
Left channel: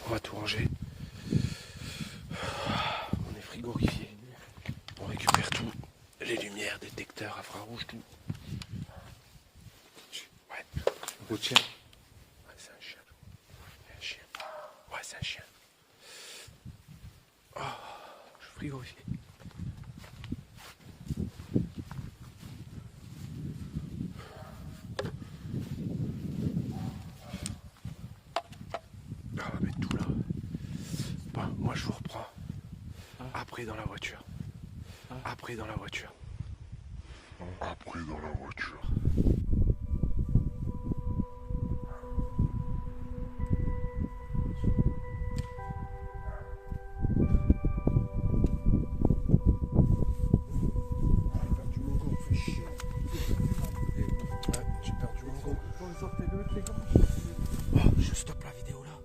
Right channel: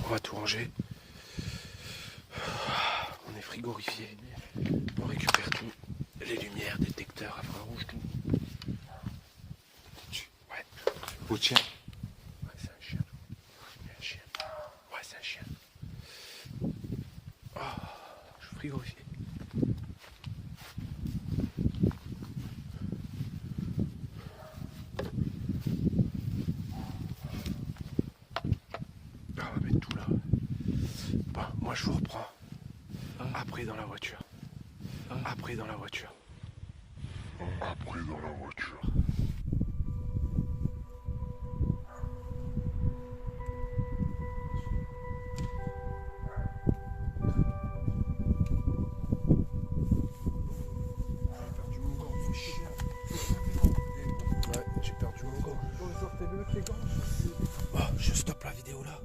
On va tout ranger. On est frigorifié. On récupère tout. Les lumières, détecteurs, infrarouges, tout. Ouais. Le chien. Ouais, c'est un chien. C'est un chien. Ouais, c'est un chien. Oh, je suis frigorifié. On va mettre tout là. Bon, moi je vous reprends. Après dans la voiture. Après dans la voiture. Après dans la voiture. Ouais, j'ai perdu mon gant. Oh, je stoppe la vidéo là.